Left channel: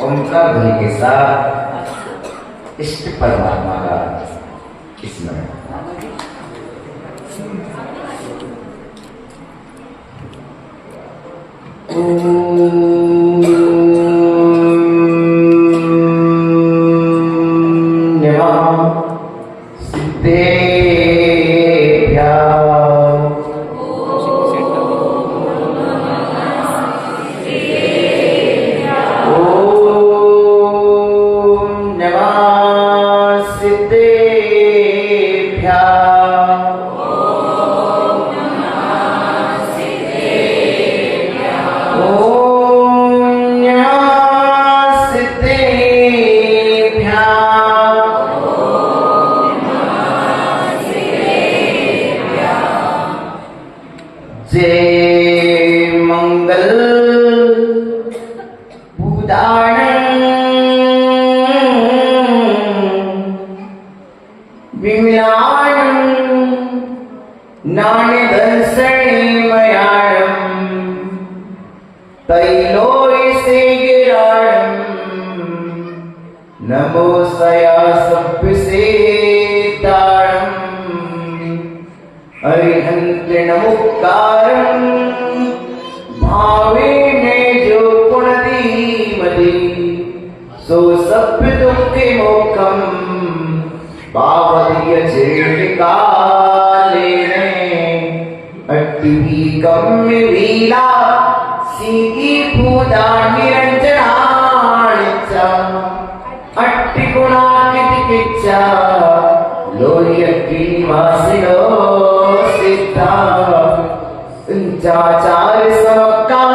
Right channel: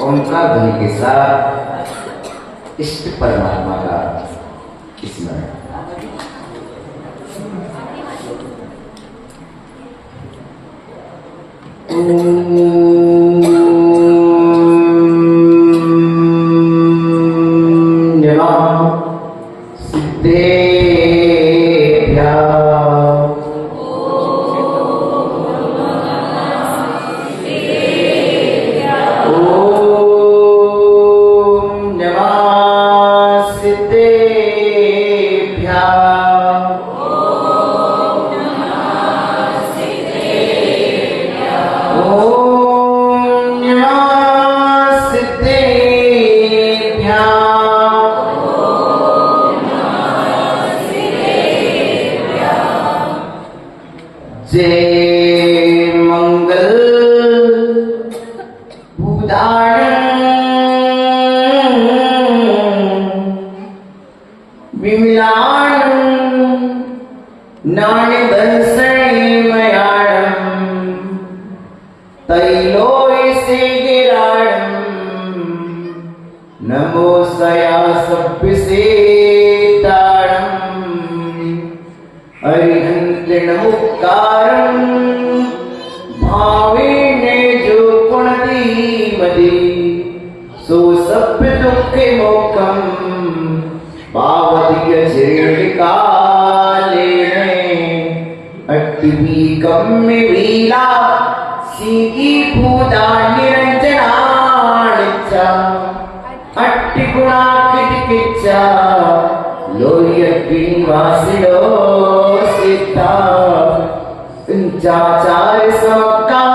ओंकार ध्वनि के साथ इष्ट परमात्मा का स्मरण। जय मंगल विमलान नान्य दर्शनीमयाणं तैलोय से गिराणं नमो सया सभ्य से तारं अरिहंत नमुक्कारं भावे में जो पुण्यति मदि सो सभ्य दुखे मोक्षं पावतीय काले अट्टवी कम्य वीला सीधी पूजा निरंजनानिच्चा अट्टि गुणा किटकिच्चा लोय वासिनो सिद्धा चाचार्य समका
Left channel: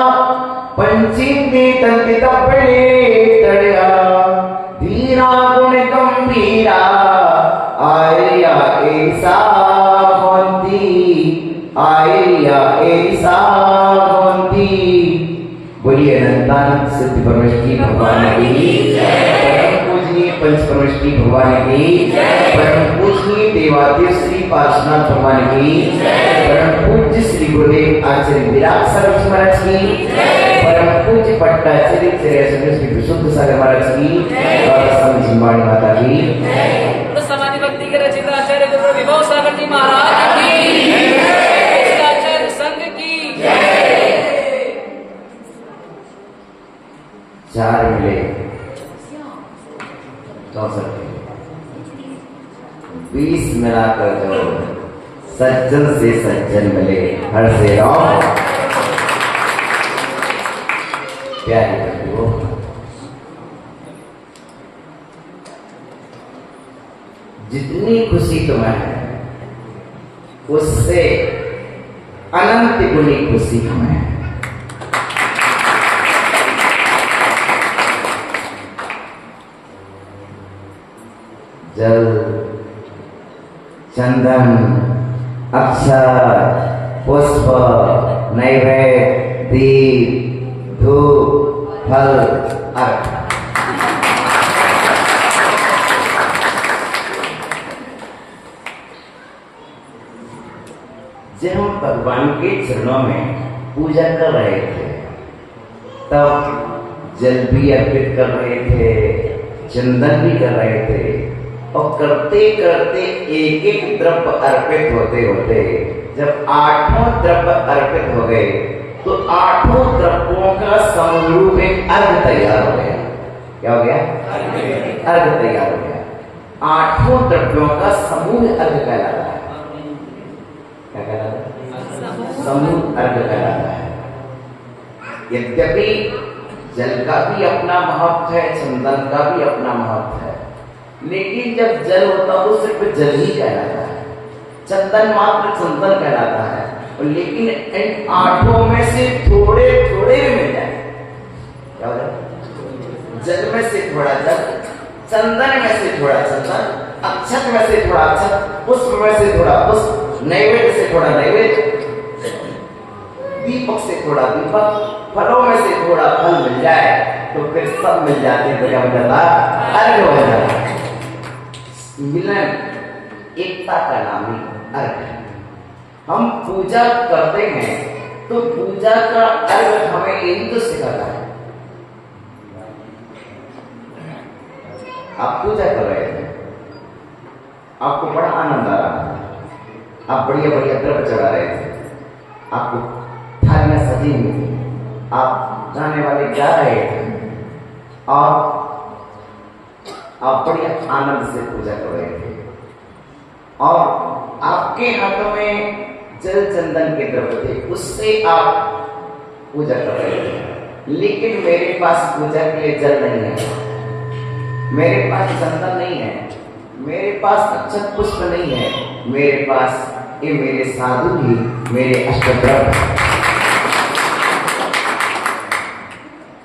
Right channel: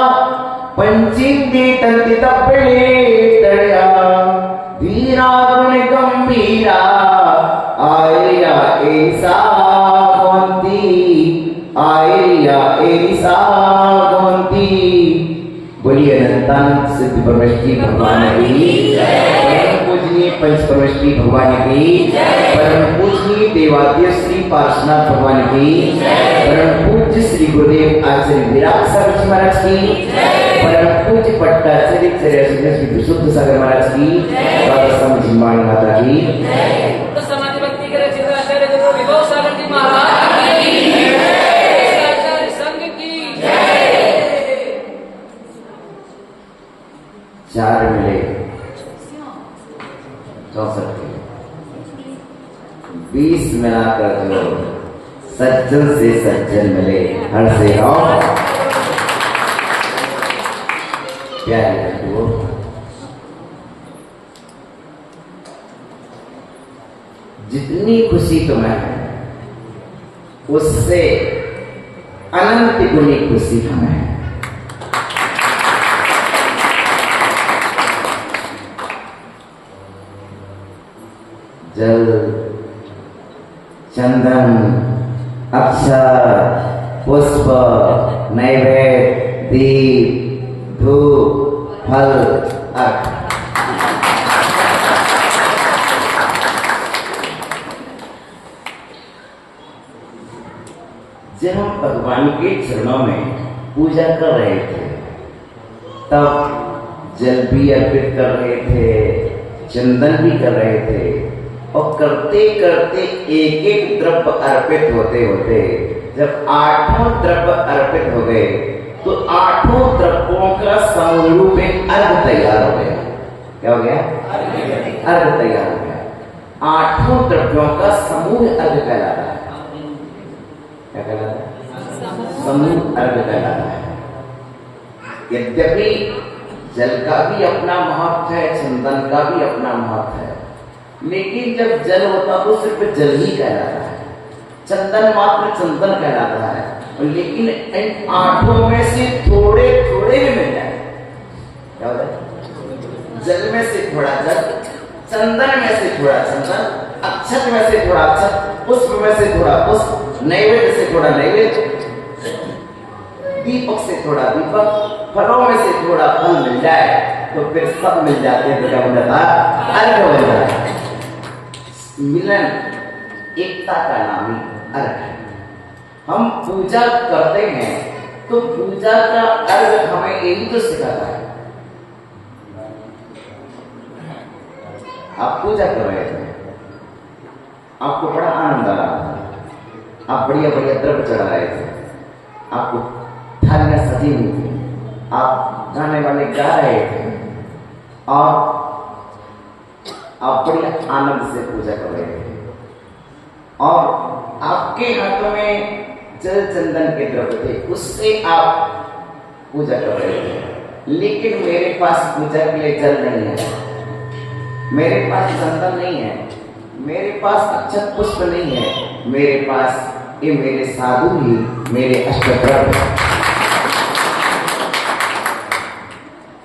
पंचीति तंति तपड़े तड़या वीरा गुण गंभीरा आर्या ऐसा होती आर्या ऐसा होती। बोलिए अनंतानंद सिद्ध परमेश्वरी भगवान की परम पूजनीय पंच परमेश्वरी भगवान की परम पूजनीय देवादेव श्री पार्श्वनाथ भगवान की परम पूज्य श्री गुरुदेव आचार्य विराट सागर महाराज की परम पूज्य पट्टाचार्य श्री विशुद्ध सागर महाराज की बाबा स्वामी जिम्बाणी माता की समाधि भक्ति के रचित आचार्य गुरु विभव सागर जी महाराज की आचार्य संघ की चार मिले 64 20 मिलाकर जो सज्जन से सज्जन मिले हर से राम प्यारी बंधुओं, जितनी खुशी तुम्हें है उससे अनंत गुनी खुशी हमें है। जल चंदन अक्षर पुष्प नैवेद्य दीप धूप फल अर्घ जब हम भगवान के चरणों में पूजा कर रहे थे तब जल भी अर्पित कर रहे थे, चंदन भी कर रहे थे और करते करते एक एक द्रव्य अर्पित होते होते जब 8 द्रव्य अर्पित हो गए तो 8 द्रव्यों का समरूप एक अर्घ तैयार हो गया। क्या हो गया? अर्घ तैयार हो गया। 8 द्रव्यों का समूह अर्घ कहलाता है। क्या कहलाता है? समूह अर्घ कहलाता है। यद्यपि जल का भी अपना महत्व है, चंदन का भी अपना महत्व है, लेकिन जब जल होता तो सिर्फ जल ही कहलाता है, चंदन मात्र चंदन कहलाता है। लेकिन इन 8 में से थोड़े थोड़े भी मिल जाए, क्या हो जाए? जल में से थोड़ा जल, चंदन में से थोड़ा चंदन, अक्षत में से थोड़ा अक्षत, पुष्प में से थोड़ा पुष्प, नैवेद्य से थोड़ा नैवेद्य, दीपक से थोड़ा दीपक, फलों में से थोड़ा फल मिल जाए तो फिर सब मिल जाते हैं। तो क्या हो जाता? अर्घ हो जाता है। मिलन एकता का नाम ही अर्घ है। हम पूजा करते हैं तो पूजा का अर्थ हमें यही तो सिखाता है। आप पूजा कर रहे थे, आपको बड़ा आनंद आ रहा था, आप बढ़िया बढ़िया द्रव्य चढ़ा रहे थे, आपको थालियां सजी हुई थी, आप गाने वाले गा रहे थे और आप बढ़िया आनंद से पूजा कर रहे थे और आपके हाथों में जल चंदन के द्रव्य थे, उससे आप पूजा कर रहे थे। लेकिन मेरे पास पूजा के लिए जल नहीं है, मेरे पास चंदन नहीं है, मेरे पास अक्षत पुष्प नहीं है, मेरे पास ये मेरे साधु ही मेरे अष्टद्रव्य,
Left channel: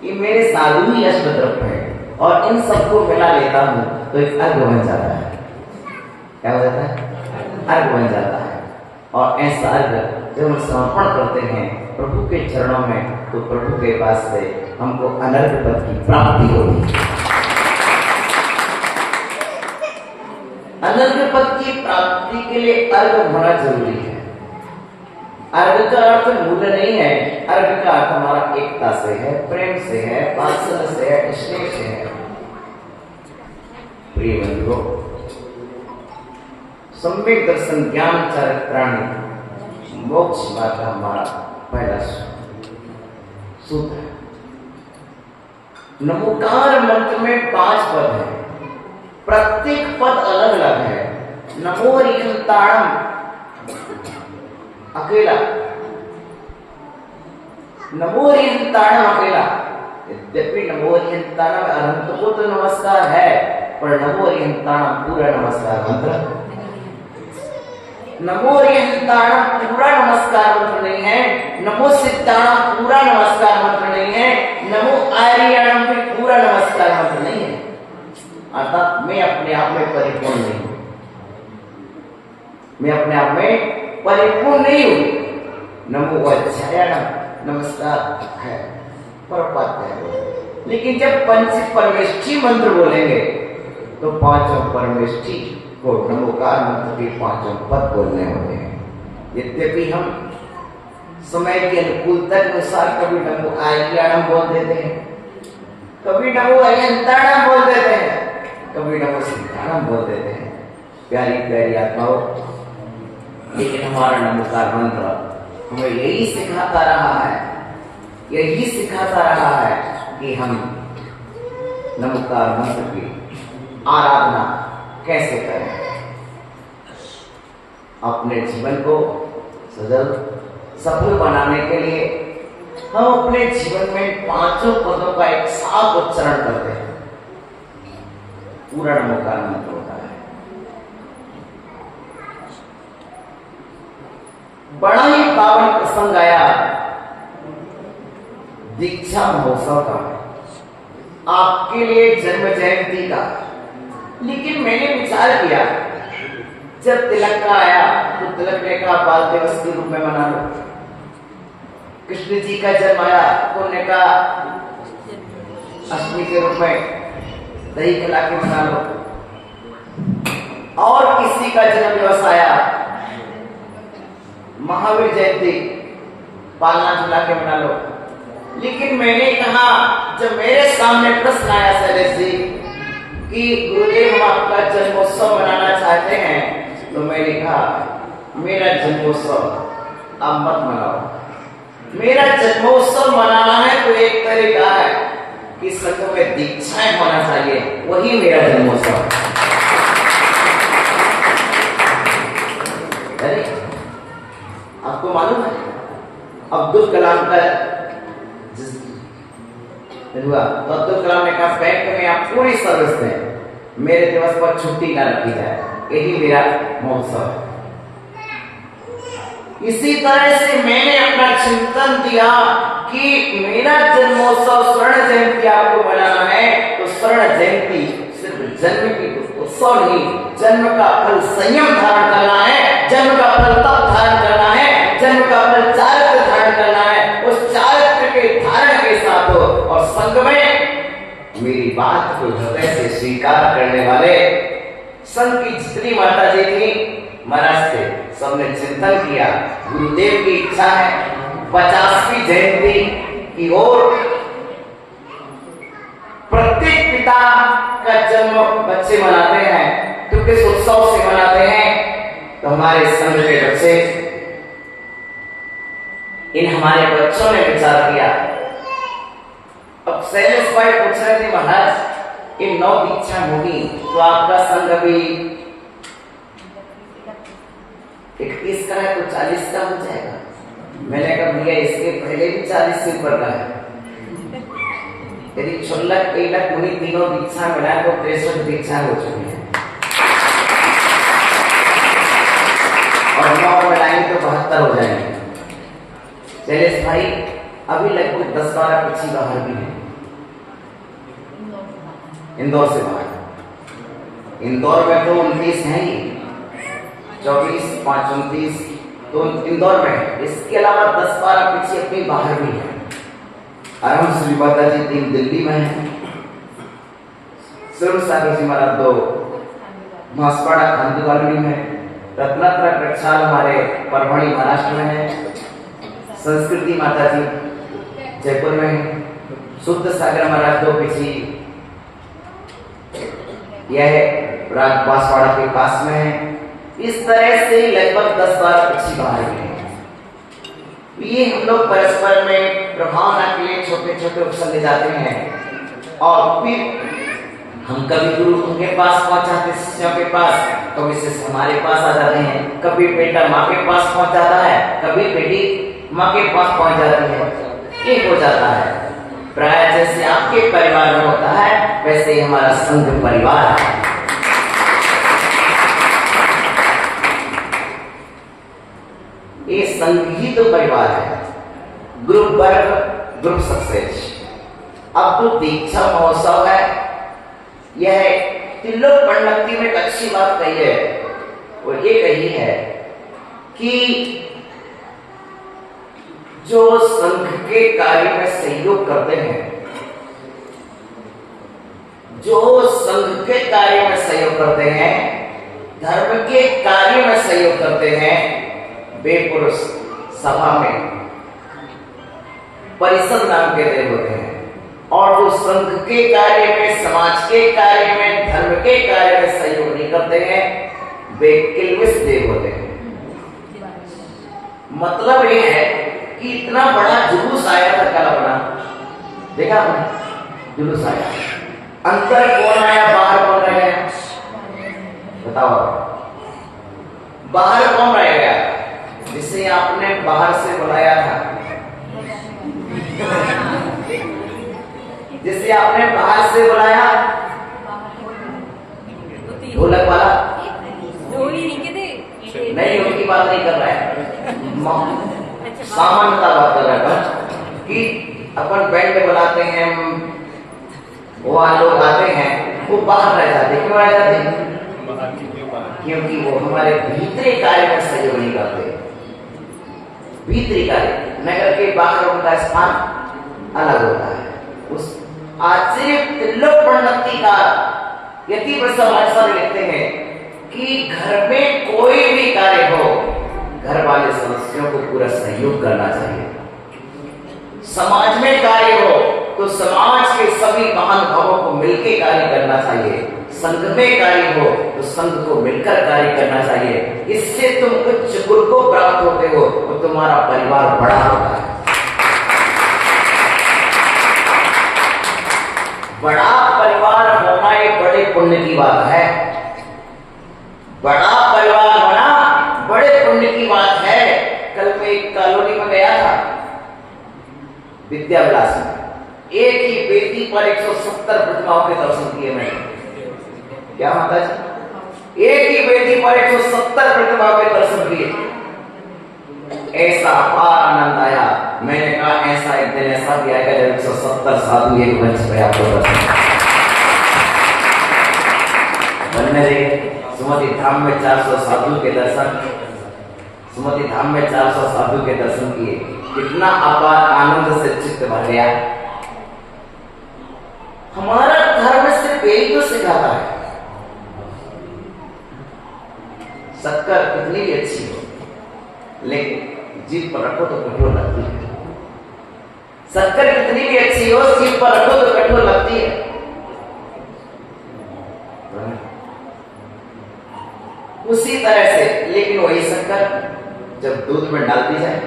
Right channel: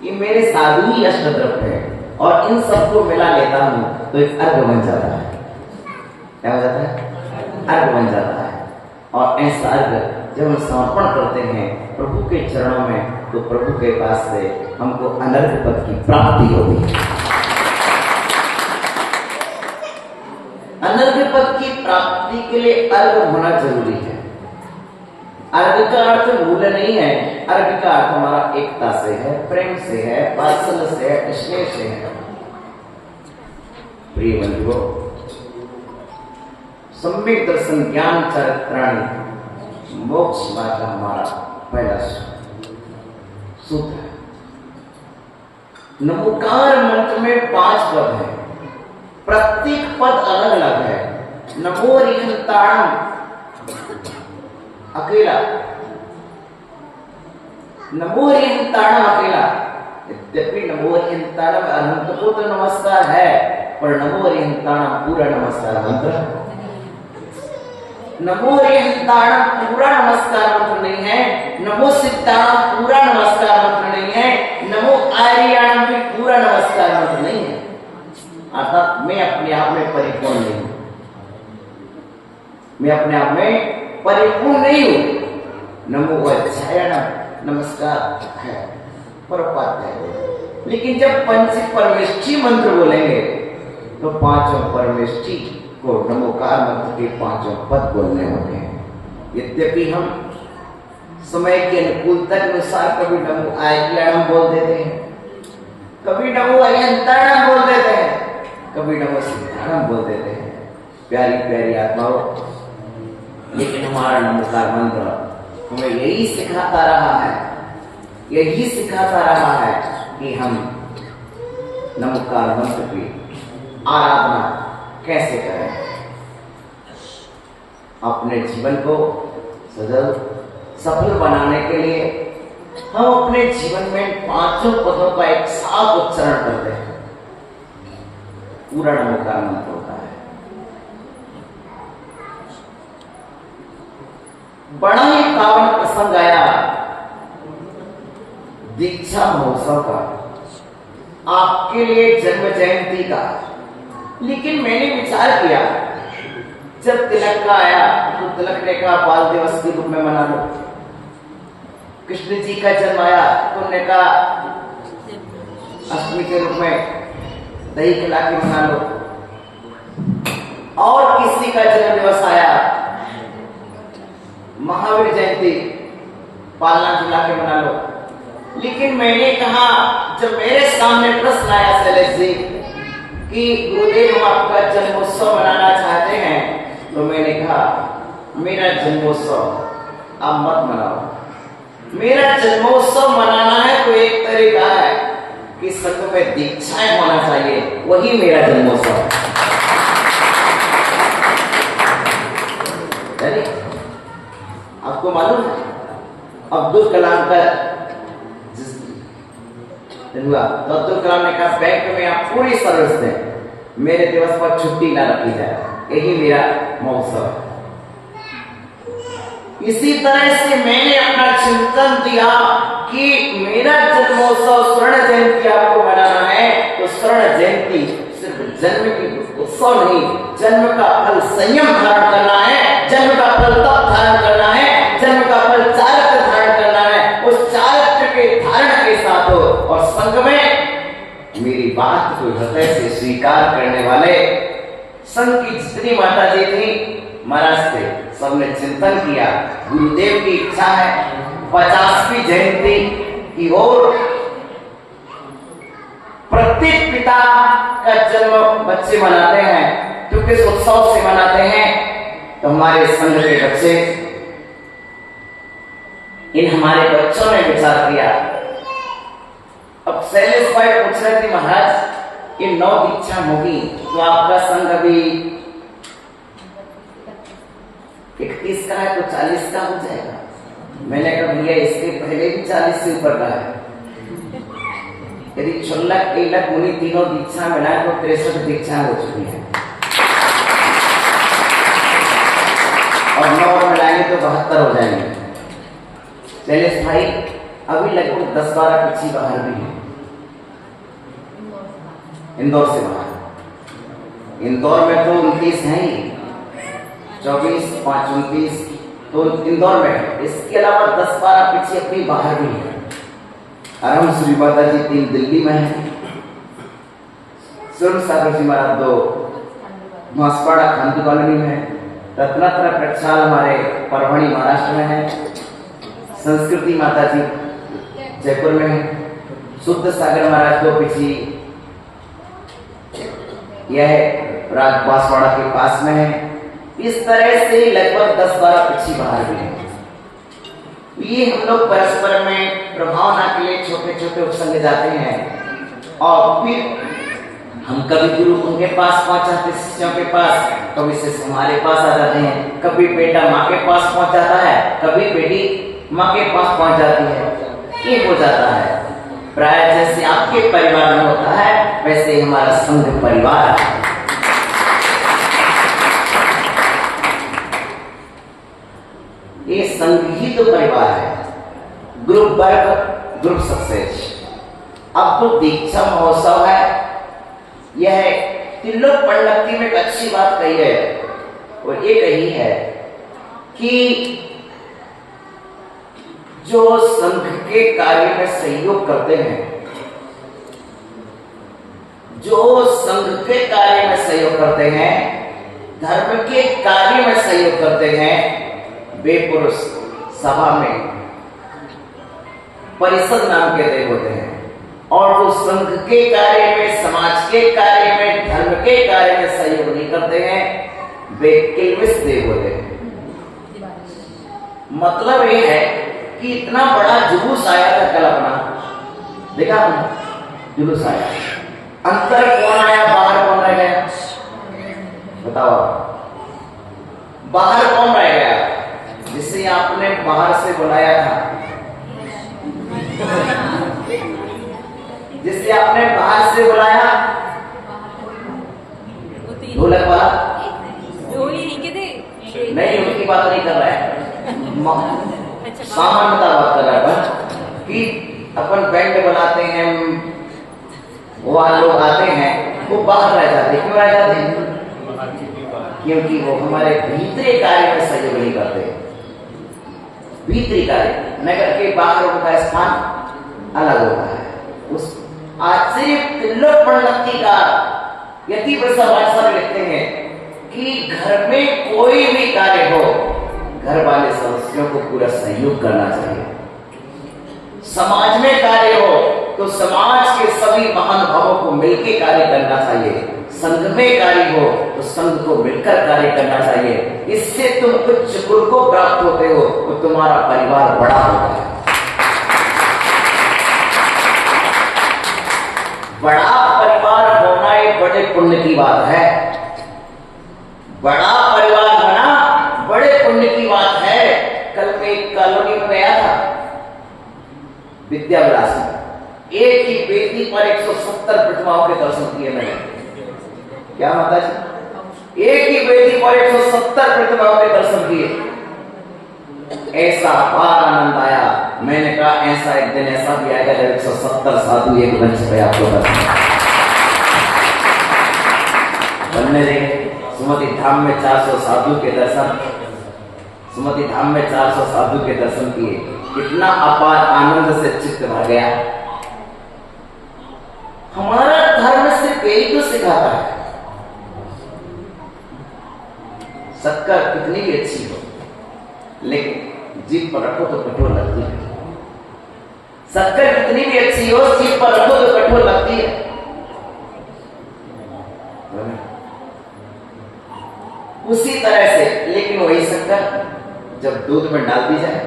ये मेरे साधु ही अष्टद्रव्य है और इन सबको मिला लेता हूं तो एक अर्घ बन जाता है। क्या हो जाता है? अर्घ बन जाता है। और ऐसा अर्घ जब हम समर्पण करते हैं प्रभु के चरणों में तो प्रभु के पास से हमको अनर्घ पद की प्राप्ति होगी। अनर्घ पद की प्राप्ति के लिए अर्घ होना जरूरी है। अर्घ का अर्थ मूल्य नहीं है, अर्घ का अर्थ हमारा एकता से है, प्रेम से है, वात्सल्य से है, स्नेह से है। प्रिय बंधुओं, सम्यक दर्शन ज्ञान चरित्राणि मोक्ष मार्ग का हमारा पहला सूत्र है। नमोकार मंत्र में 5 पद है, प्रत्येक पद अलग अलग है। नमो रिहंताणम अकेला, नमो रिहंताणम अकेला। यद्यपि नमो रिहंताणम अनंत को तो नमस्कार है, पर नमो रिहंताणम पूरा नमस्कार मंत्र, नमो रिहंताणम पूरा नमस्कार मंत्र नहीं है, नमो सिद्धाणम पूरा नमस्कार मंत्र नहीं है, नमो आर्याणम भी पूरा नमस्कार मंत्र नहीं है। अर्थात मैं अपने आप में परिपूर्ण नहीं हूं, मैं अपने आप में परिपूर्ण नहीं हूं। नमो अध्यायणम नमस्कार है, परपात है। लेकिन जब पंच परमेष्ठी मंत्र बोलेंगे तो 5 परमेष्ठी को नमोकार मंत्र के 5 पद बोलने होते हैं। यद्यपि हम समय के अनुकूलता के अनुसार कभी नमो आर्याणम बोल देते हैं, कभी नमो अरिहंताणम बोल देते हैं, कभी नमो सिद्धाणम बोल देते हैं। प्यारी प्यारी आत्माओं, लेकिन हमारा नमोकार मंत्र हमें यही सिखाता रहा है, यही सिखाता रहा है कि हम नमोकार मंत्र की आराधना कैसे करें। अपने जीवन को सफल बनाने के लिए हम अपने जीवन में 5 पदों का एक साफ उच्चारण करते हैं। पूरा नमोकार मंत्र होता है। बड़ा ही पावन प्रसंग आया दीक्षा महोत्सव का, आपके लिए जन्म जयंती का। लेकिन मैंने विचार किया, जब तिलक का आया तो तिलक ने कहा बाल दिवस के रूप में मना लो। कृष्ण जी का जन्म आया तो उन्होंने कहा अष्टमी के रूप में दही खिला के मना लो। और किसी का जन्म दिवस आया महावीर जयंती, पालना झुला के मना लो। लेकिन मैंने कहा, जब मेरे सामने प्रश्न आया शैलेश जी कि गुरुदेव हम आपका जन्मोत्सव मनाना चाहते हैं, तो मैंने कहा मेरा जन्मोत्सव आप मत मनाओ। मेरा जन्मोत्सव मनाना है तो एक तरीका है कि संघ में दीक्षाएं होना चाहिए, वही मेरा जन्मोत्सव। आपको मालूम है अब्दुल कलाम का हुआ तो अब्दुल कलाम ने कहा बैंक में आप पूरी सर्विस दें, मेरे दिवस पर छुट्टी ना रखी जाए, यही मेरा महोत्सव है। इसी तरह से मैंने अपना चिंतन दिया कि मेरा जन्मोत्सव स्वर्ण जयंती आपको मनाना है, तो स्वर्ण जयंती सिर्फ जन्म की उत्सव नहीं, जन्म का फल संयम धारण करना है, जन्म का फल तप धारण करना है, जन्म का फल चारित्र धारण करना है। उस चारित्र के धारण के साथ और संग में मेरी बात को हृदय से स्वीकार करने वाले संघ की जितनी माता जी थी महाराज थे, सबने चिंतन किया गुरुदेव की इच्छा है 50वीं जयंती की ओर प्रत्येक पिता का जन्म बच्चे मनाते हैं, तो किस उत्सव से मनाते हैं? तो हमारे संघ के बच्चे, इन हमारे बच्चों ने विचार किया। अब शैलेश भाई पूछ रहे थे, महाराज ये 9 दीक्षा होगी तो आपका संघ अभी 21 का है तो 40 का हो जाएगा। मैंने कहा भैया इसके पहले भी 40 से ऊपर का है। यदि 16 1 मुनि तीनों दीक्षा मिलाए तो 63 दीक्षा हो चुकी है, और 9 मिलाएंगे तो 72 हो जाएंगे। शैलेश भाई अभी लगभग 10-12 पक्षी बाहर भी है, इंदौर से बाहर। इंदौर में तो 29 है ही, 24, 5, 29 तो इंदौर में है। इसके अलावा 10-12 पक्षी अपनी बाहर भी है। आराम श्री माता जी 3 दिल्ली में है, सूर्य सागर जी महाराज 2 मासपाड़ा खांडू कॉलोनी में, रत्नात्र प्रक्षाल हमारे परभणी महाराष्ट्र में है, संस्कृति माता जी जयपुर में है, शुद्ध सागर महाराज 2 पक्षी यह राज बांसवाड़ा के पास में है। इस तरह से लगभग 10-12 पक्षी बाहर भी हैं। ये हम लोग परस्पर में प्रभावना के लिए छोटे छोटे उपसंग जाते हैं, और फिर हम कभी गुरु उनके पास पहुंचाते, शिष्यों के पास, कभी शिष्य हमारे पास आ जाते हैं, कभी बेटा माँ के पास पहुंच जाता है, कभी बेटी माँ के पास पहुंच जाती है। ये हो जाता है प्राय जैसे आपके परिवार में होता है वैसे ही हमारा संघ परिवार है। ये संघ ही तो परिवार है। Group work, group success. अब तो दीक्षा महोत्सव है, यह तिल्लोक पंडक्ति में एक अच्छी बात कही है, वो ये कही है कि जो संघ के कार्य में सहयोग करते हैं, जो संघ के कार्य में सहयोग करते हैं, धर्म के कार्य में सहयोग करते हैं, वे पुरुष सभा में परिषद नाम के देव होते हैं, और जो संघ के कार्य में, समाज के कार्य में, धर्म के कार्य में सहयोग नहीं करते हैं, वे किल्विष देव होते हैं। मतलब ये है कि इतना बड़ा जुलूस आया था कल अपना, देखा आपने? जुलूस आया, अंदर कौन आया, बाहर कौन रह गया? बताओ, बाहर कौन रह गया? जिसे आपने बाहर से बुलाया था, जिसे आपने बाहर से बुलाया, ढोलक वाला नहीं, उनकी बात नहीं कर रहा है, सामान्यता बात कर रहा है कि अपन बैंड बनाते हैं, वो लोग आते हैं, वो बाहर रह जाते। क्यों रह जाते हैं? क्योंकि वो हमारे भीतरी कार्य में सहयोग नहीं करते। भीतरी कार्य, नगर के बाहर उनका स्थान अलग होता है। उस आश्चर्य तिल्लोक पंडक्ति का यति प्रसव लिखते हैं कि घर में कोई भी कार्य हो, घर वाले सदस्यों को पूरा सहयोग करना चाहिए। समाज में कार्य हो तो समाज के सभी महानुभावों को मिलकर कार्य करना चाहिए। संघ में कार्य हो तो संघ को मिलकर कार्य करना चाहिए। इससे तुम उच्च कुल को प्राप्त होते हो और तुम्हारा परिवार बड़ा होता है। बड़ा परिवार होना एक बड़े पुण्य की बात है। बड़ा परिवार होना बड़े पुण्य की बात है। कल मैं एक कॉलोनी में गया था, विद्या विलास में, एक ही वेदी पर 170 प्रतिमाओं के दर्शन किए मैंने। क्या माता जी? एक ही वेदी पर 170 प्रतिमाओं के दर्शन किए। ऐसा अपार आनंद आया। मैंने कहा ऐसा एक दिन ऐसा भी आएगा जब 170 साधु एक मंच पे आपको दर्शन बनने देंगे। सुमति धाम में 400 साधु के दर्शन, सुमति धाम में 400 साधु के दर्शन किए। कितना अपार आनंद से चित्त भर गया। हमारा धर्म सिर्फ यही तो सिखाता है, शक्कर कितनी भी अच्छी हो, लेकिन जीभ पर रखो तो कठोर लगती है। शक्कर कितनी भी अच्छी हो, जीभ पर रखो तो कठोर लगती है। उसी तरह से, लेकिन वही शक्कर जब दूध में डाल दी जाए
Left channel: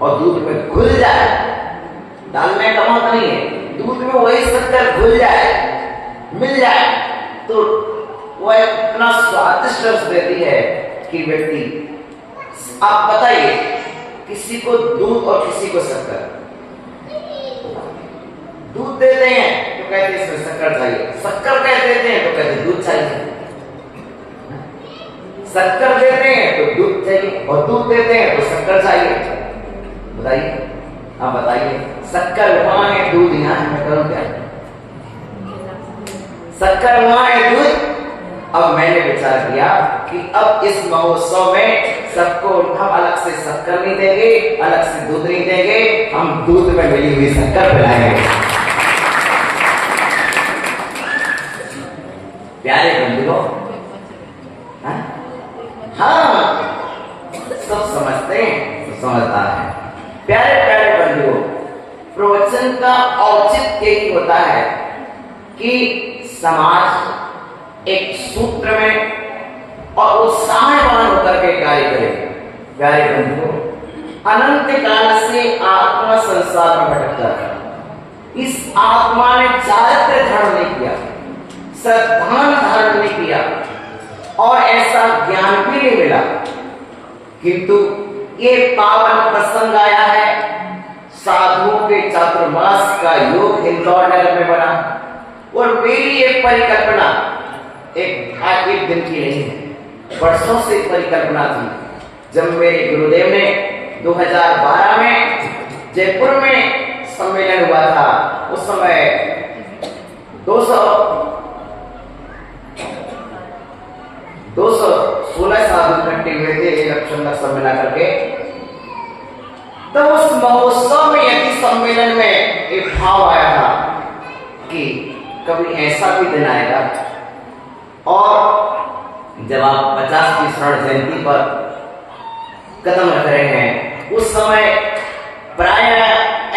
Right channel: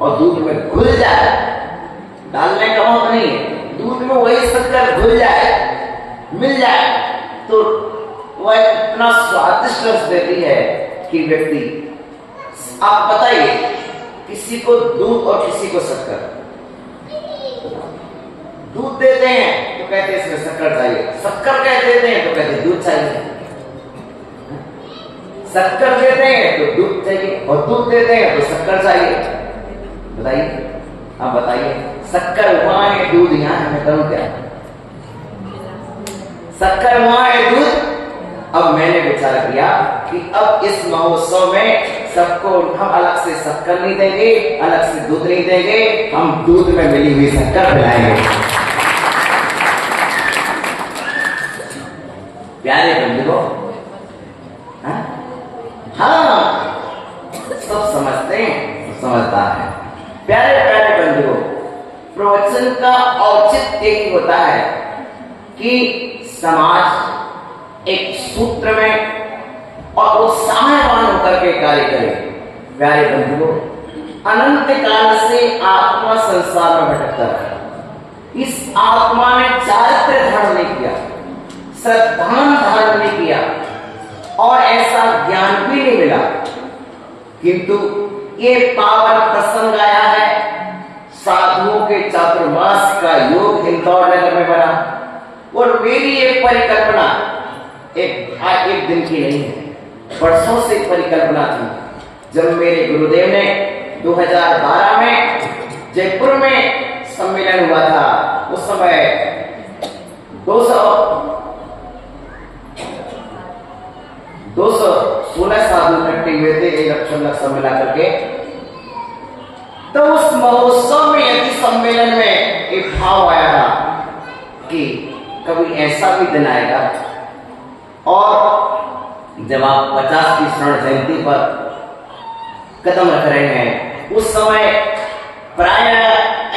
और दूध में घुल जाए, डालने का मतलब नहीं है, दूध में वही शक्कर घुल जाए, मिल जाए, तो वह इतना स्वादिष्ट रस देती है कि व्यक्ति, आप बताइए, किसी को दूध और किसी को शक्कर, दूध देते हैं तो कहते हैं इसमें शक्कर चाहिए, शक्कर कह देते हैं तो कहते हैं दूध चाहिए, शक्कर देते हैं तो दूध चाहिए और दूध देते हैं तो शक्कर चाहिए। बताइए, आप बताइए, शक्कर वहां है, दूध यहाँ है, मैं करूं क्या? शक्कर वहां है, दूध। अब मैंने विचार किया कि अब इस महोत्सव में सबको हम अलग से शक्कर नहीं देंगे, अलग से दूध नहीं देंगे, हम दूध में मिली हुई शक्कर पिलाएंगे। प्यारे बंधुओं, हाँ, सब समझते हैं, समझता है। प्यारे प्यारे बंधुओं, प्रवचन का औचित्य यही होता है कि समाज एक सूत्र में और उत्साहवान होकर के कार्य करे। प्यारे बंधुओं, अनंत काल से आत्मा संसार में भटकता है। इस आत्मा ने चारित्र्य धारण नहीं किया, श्रद्धान धारण नहीं किया और ऐसा ज्ञान भी नहीं मिला, किंतु ये पावन प्रसंग आया है, साधुओं के चातुर्मास का योग इंदौर नगर में बना। और मेरी ये परिकल्पना एक दिन की नहीं है, वर्षों से परिकल्पना थी। जब मेरे गुरुदेव ने 2012 में जयपुर में सम्मेलन हुआ था, उस समय 216 साधु इकट्ठे हुए थे एक लक्षण सब मिला करके। तो उस महोत्सव में, यदि सम्मेलन में एक भाव आया था कि कभी ऐसा भी दिन आएगा और जब आप 50वीं स्वर्ण जयंती पर कदम रख रहे हैं, उस समय प्राय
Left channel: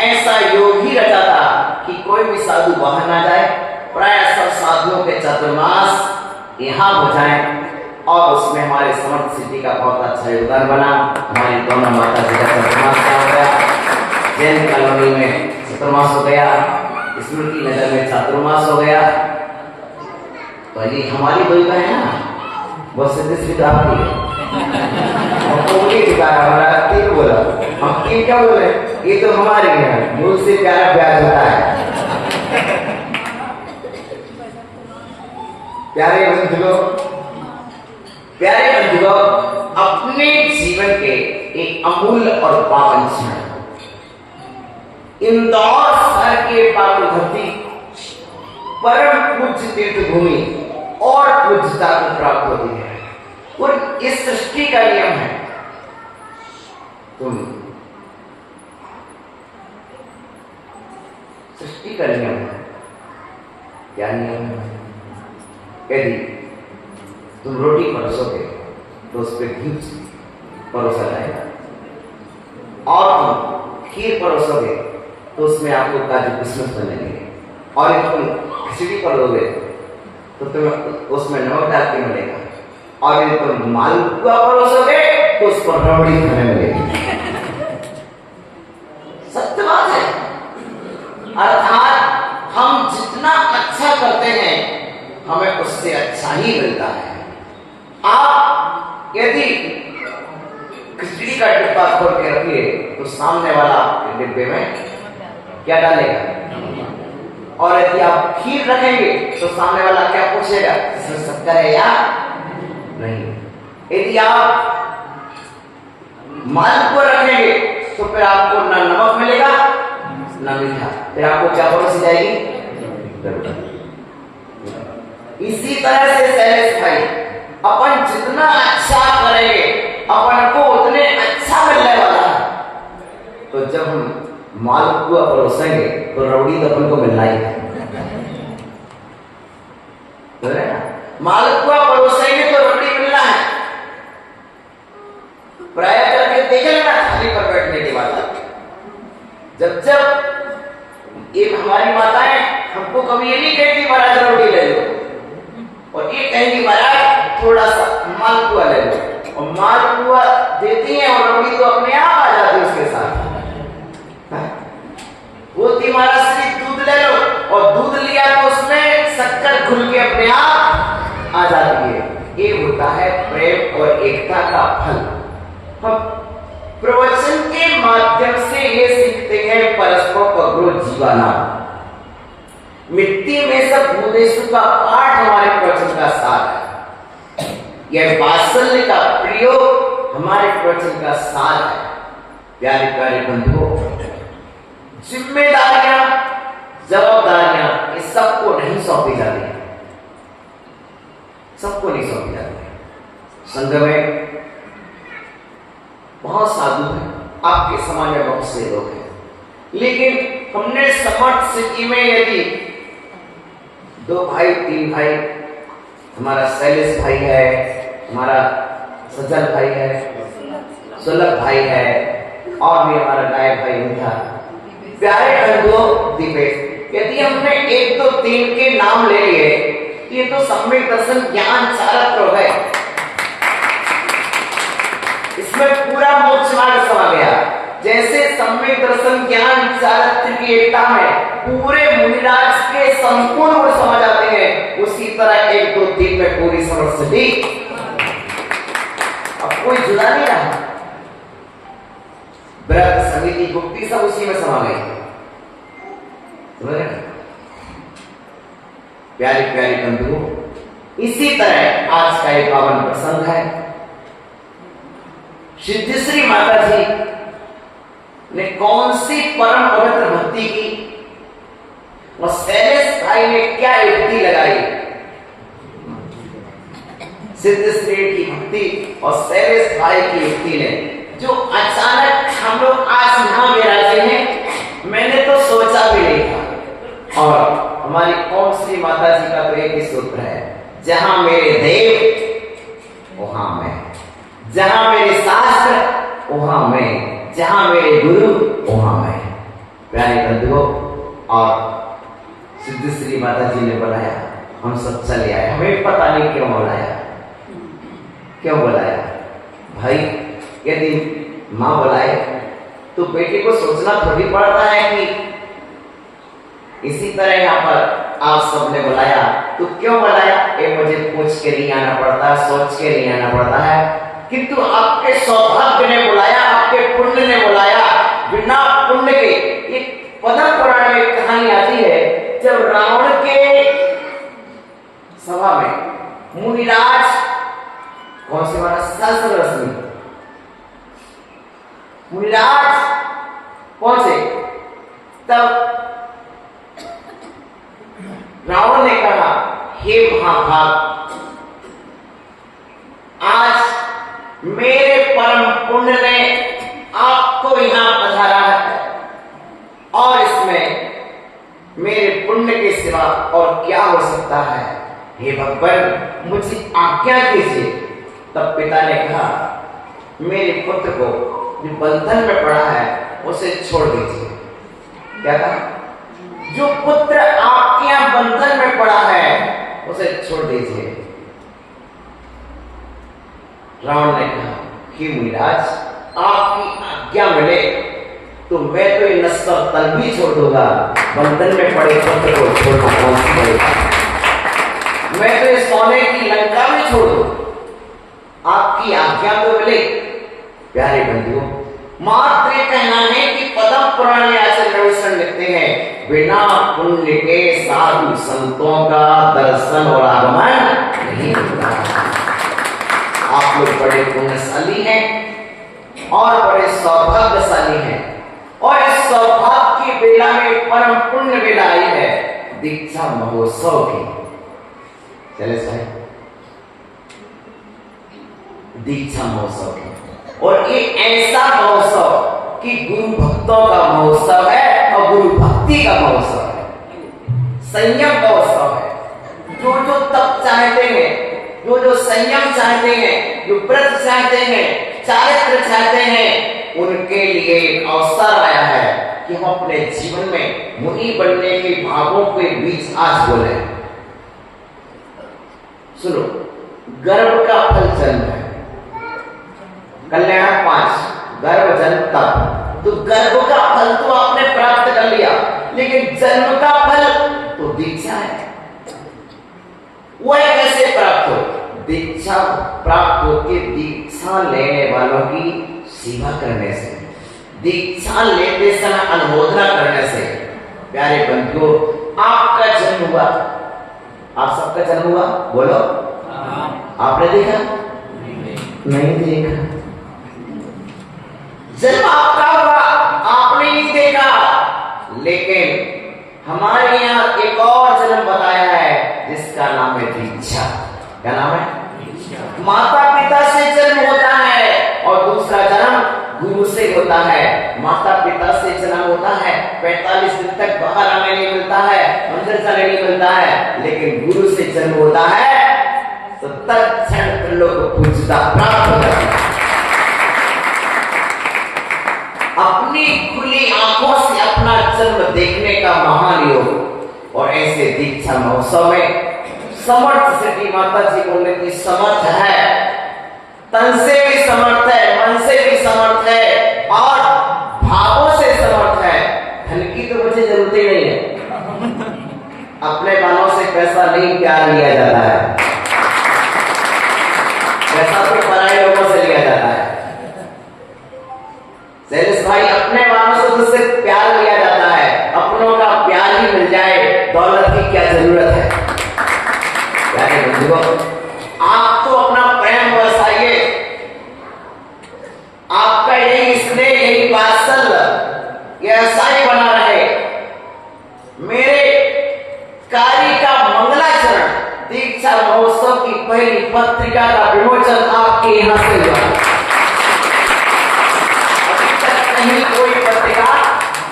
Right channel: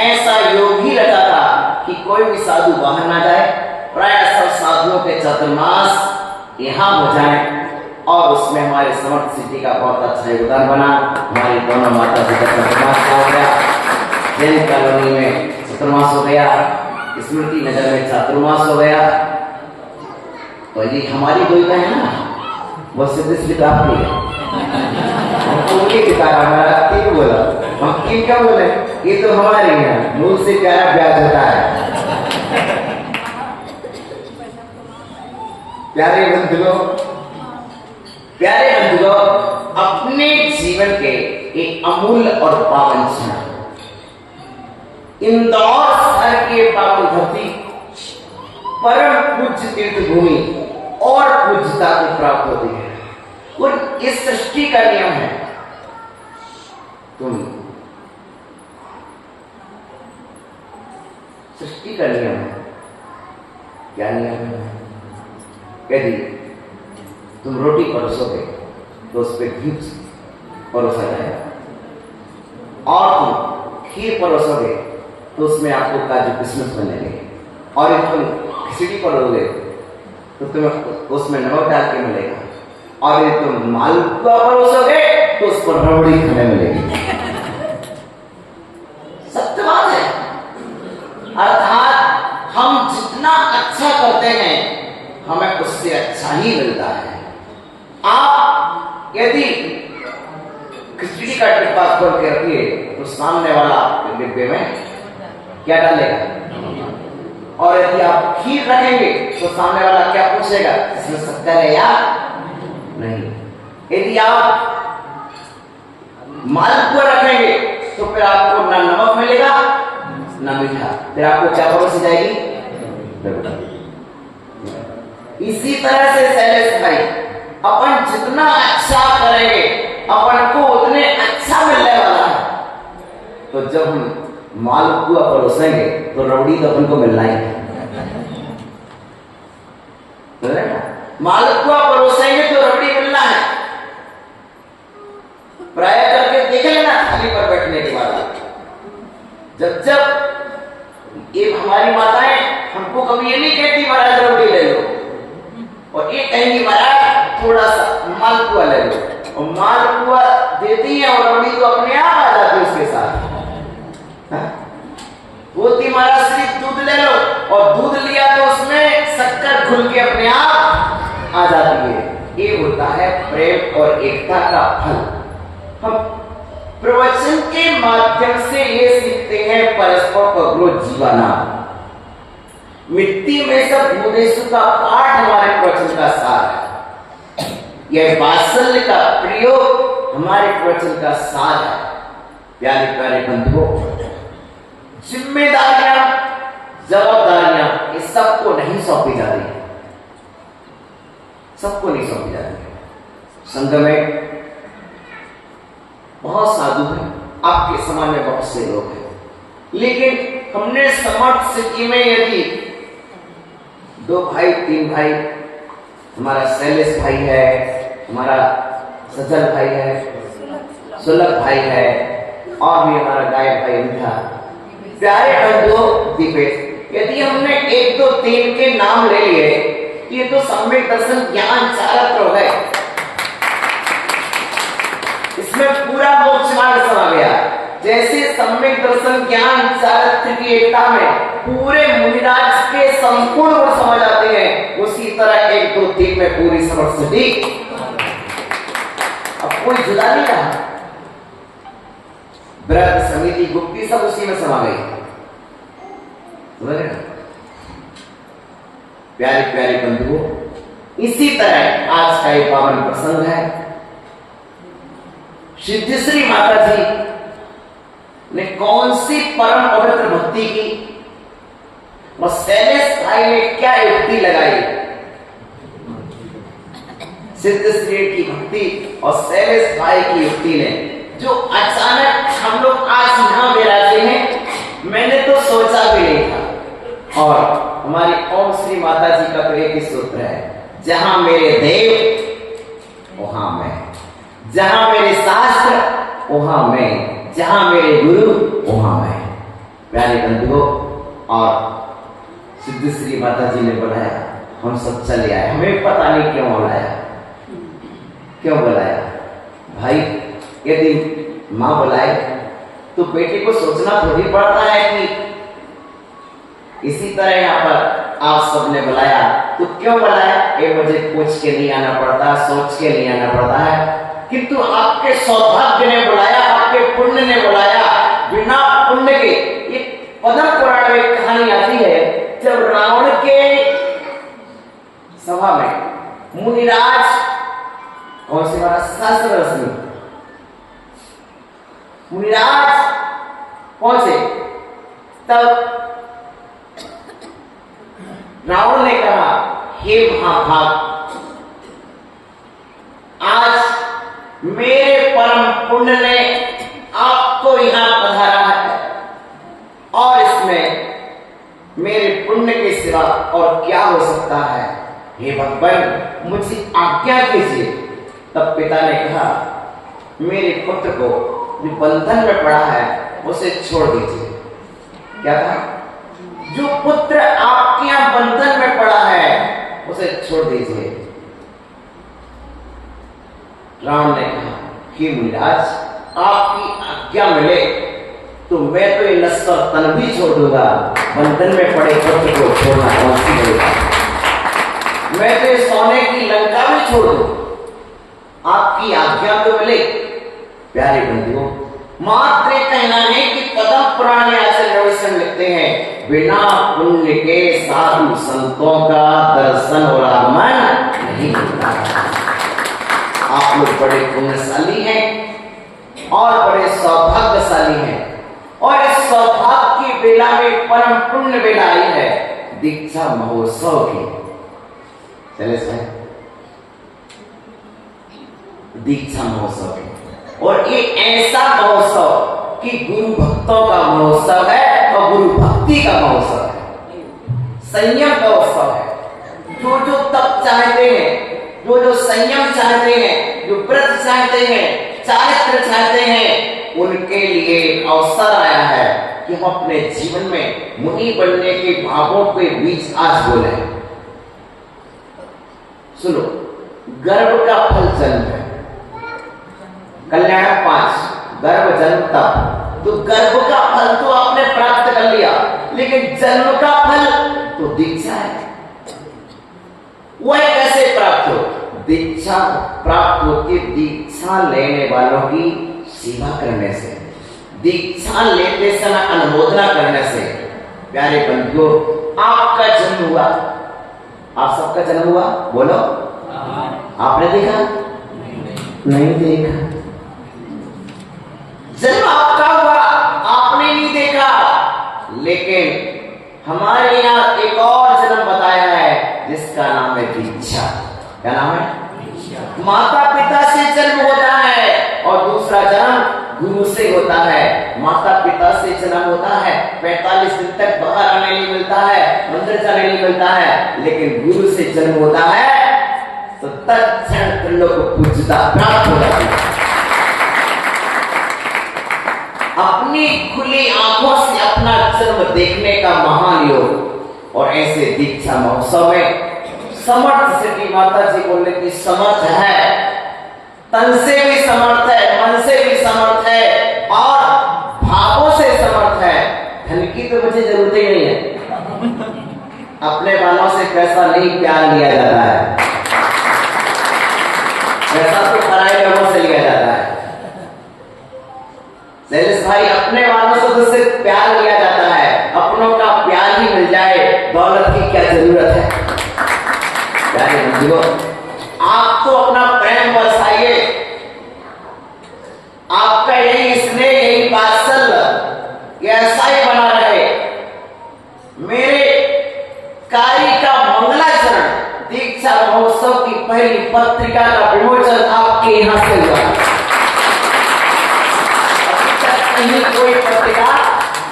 ऐसा योग ही रहता था कि कोई भी साधु बाहर ना जाए, प्राय सब साधुओं के चातुर्मास यहाँ हो जाए। और उसमें हमारे समर्थ सिटी का बहुत अच्छा योगदान बना। हमारी दोनों माता जी का चातुर्मास हो गया, जैन कॉलोनी में चातुर्मास हो गया, स्मृति नगर में चातुर्मास हो गया। तो यदि हमारी दो का है ना, वो सिद्ध सिद्ध आपकी है, हमारा तीन बोला, हम तीन क्या बोले, ये तो हमारी है, मूल से प्यारा प्यार होता है। प्यारे बंधुओं, प्यारे बंधुओं, अपने जीवन के एक अमूल्य और पावन क्षण इंदौर शहर के पावन धरती, परम पूज्य तीर्थ भूमि और पूज्यता को प्राप्त होती है। और इस सृष्टि का नियम है, तुम सृष्टि का नियम है। क्या नियम है? यदि तुम रोटी परोसोगे तो उस पर घी परोसा जाएगा, और तुम खीर परोसोगे तो उसमें आपको काजू किशमिश बनेंगे, और यदि तुम खिचड़ी परोसोगे तो तुम्हें उसमें नमक डाल के मिलेगा, और यदि तुम मालपुआ परोसोगे तो उस पर रबड़ी खाने मिलेगी। सत्य बात है। अर्थात हम जितना अच्छा करते हैं हमें उससे अच्छा ही मिलता है। आप यदि खिचड़ी का डिब्बा खोल के रखिए तो सामने वाला डिब्बे में क्या डालेगा, और यदि आप खीर रखेंगे तो सामने वाला क्या पूछेगा, इसमें शक्कर है या नहीं। यदि आप मालपुआ रखेंगे तो फिर आपको ना नमक मिलेगा ना मीठा, फिर आपको क्या परोसी जाएगी। इसी तरह से शैलेश भाई, अपन जितना अच्छा करेंगे अपन को उतने अच्छा मिलने वाला है। तो जब हम मालपुआ परोसेंगे तो रबड़ी तो अपन को मिलना ही है। मालपुआ परोसेंगे तो रबड़ी मिलना है। प्राय करके देखेंगे ना, थाली पर जब जब ये हमारी माताएं हमको कभी ये नहीं कहती महाराज रोटी ले लो, और ये कहेंगी महाराज थोड़ा सा मालपुआ ले लो, और मालपुआ देती हैं और रोटी तो अपने आप आ जाती है उसके साथ। बोलती महाराज श्री दूध ले लो, और दूध लिया तो उसमें शक्कर घुल के अपने आप आ जाती है। ये होता है प्रेम और एकता का फल। हम प्रवचन के माध्यम से ये सीखते हैं परस्पर पगरो जीवाना। मिट्टी में सब भुवनेश्वर का पाठ हमारे प्रवचन का सार है। यह वात्सल्य का प्रयोग हमारे प्रवचन का सार है। प्यारे प्यारे बंधुओं, जिम्मेदारियां, जवाबदारियां ये सबको नहीं सौंपी जाती, सबको नहीं सौंपी जाती। संघ में बहुत साधु हैं, आपके समाज में बहुत से लोग हैं, लेकिन हमने समर्थ स्थिति में यदि 2 भाई 3 भाई, हमारा शैलेश भाई है, हमारा सज्जन भाई है, सुलभ भाई है, और भी हमारा गायक भाई उनका प्यारे बंधुओं दीपे, यदि हमने 1 2 3 के नाम ले लिए, ये तो सम्यक दर्शन ज्ञान चारत्र है, इसमें पूरा मोक्ष मार्ग समा गया। जैसे सम्यक दर्शन ज्ञान चारित्र की एकता में पूरे मुनिराज के संपूर्ण गुण समझ आते हैं, उसी तरह 1 2 3 में पूरी समझ अब कोई जुदा नहीं रहा। व्रत समिति गुप्ती सब उसी में समा गई। प्यारे प्यारे बंधुओं, इसी तरह आज का एक पावन प्रसंग है। सिद्धेश्वरी माता जी ने कौन सी परम पवित्र भक्ति की, वो शैलेश भाई ने क्या युक्ति लगाई। सिद्धेश्वरी की भक्ति और शैलेश भाई की युक्ति ने जो अचानक हम लोग आज यहां विराजे हैं, मैंने तो सोचा भी नहीं था। और हमारी ओम श्री माता जी का तो एक ही सूत्र है, जहां मेरे देव वहां मैं, जहां मेरे शास्त्र वहां मैं, जहां मेरे गुरु वहां मैं। प्यारे बंधुओं, और सिद्धेश्वरी माता जी ने बुलाया, हम सब चले आए। हमें पता नहीं क्यों बुलाया, क्यों बुलाया भाई। यदि मां बुलाए तो बेटे को सोचना थोड़ी पड़ता है कि इसी तरह यहाँ पर आप सबने बुलाया तो क्यों बुलाया, ये मुझे पूछ के नहीं आना पड़ता, सोच के नहीं आना पड़ता है, किंतु आपके सौभाग्य ने बुलाया, आपके पुण्य ने बुलाया। बिना पुण्य के, एक पद्म पुराण में एक कहानी आती है, जब रावण के सभा में मुनिराज, कौन से हमारा शास्त्र रश्मि मुनिराज कौन से, तब रावण ने कहा, हे महाभाग, आज मेरे परम पुण्य ने आपको यहां पधारा है, और इसमें मेरे पुण्य के सिवा और क्या हो सकता है। हे भगवान, मुझे आज्ञा कीजिए। तब पिता ने कहा, मेरे पुत्र को जो बंधन में पड़ा है उसे छोड़ दीजिए। क्या कहा? जो पुत्र आपके यहां बंधन में पड़ा है उसे छोड़ दीजिए। रावण ने कहा, कि मुनिराज, आपकी आज्ञा मिले तो मैं तो ये नश्वर तन भी छोड़ दूंगा, बंधन में पड़े पुत्र को छोड़ना कौन सी बड़ी बात। मैं तो इस सोने की लंका में छोड़ दूं, आपकी आज्ञा तो मिले। प्यारे बंधुओं, मात्र कहना है कि पद्म पुराण में आचार्य रविशरण लिखते हैं, बिना पुण्य के साधु संतों का दर्शन और आगमन नहीं होता। आप लोग बड़े पुण्यशाली हैं और बड़े सौभाग्यशाली हैं, और इस सौभाग्य की बेला में परम पुण्य बेला आई है, दीक्षा महोत्सव की। चले साहब, दीक्षा महोत्सव की, और ये ऐसा महोत्सव कि गुरु भक्तों का महोत्सव है और गुरु भक्ति का महोत्सव है, संयम का उत्सव है। जो जो तप चाहते हैं, जो जो संयम चाहते हैं, जो व्रत चाहते हैं, चारित्र चाहते हैं, उनके लिए एक अवसर आया है। कि हम अपने जीवन में मुनि बनने के भावों के बीच आज बोले। सुनो, गर्भ का फल जन्म है। कल्याण 5, गर्भ जन्म तप। तो गर्भ का फल तो आपने प्राप्त कर लिया, लेकिन जन्म का फल तो दीक्षा है। वह कैसे प्राप्त हो? दीक्षा प्राप्त होती दीक्षा लेने वालों की सेवा करने से, दीक्षा लेते समय अनुमोदना करने से। प्यारे बंधुओं, आपका जन्म हुआ, आप सबका जन्म हुआ, बोलो। आपने देखा? नहीं देखा। जन्म आपका हुआ, आपने नहीं देखा, लेकिन हमारे यहाँ एक और जन्म बताया है जिसका नाम है दीक्षा। क्या नाम है? माता पिता से जन्म होता है और दूसरा जन्म गुरु से होता है। माता पिता से जन्म होता है, 45 दिन तक बाहर आने नहीं मिलता है, अंदर जाने नहीं मिलता है, लेकिन गुरु से जन्म होता है तो तत्क्षण पिंडों को पूजता प्राप्त हो जाती है। अपनी खुली आंखों से अपना जन्म देखने का महान योग। और ऐसे दीक्षा महोत्सव में समर्थ सिटी माता जी बोलने की समर्थ है, तन से भी समर्थ है, मन से भी समर्थ है और भावों से समर्थ है। धन की तो मुझे जरूरत ही नहीं है। अपने बालों से पैसा नहीं प्यार लिया जाता है, पैसा तो पराये लोगों से लिया जाता है। सेल्स भाई, अपने वालों से तो सिर्फ प्यार लिया जाता है, अपनों का प्यार ही मिल जाए, दौलत की क्या जरूरत है। प्यारे बंधुओं, आप तो अपना प्रेम बरसाइए, आपका यही स्नेह, यही वात्सल्य ऐसा ही बना रहे। मेरे कार्य का मंगलाचरण, दीक्षा महोत्सव की पहली पत्रिका का विमोचन आपके यहां से हुआ। कोई पत्रिका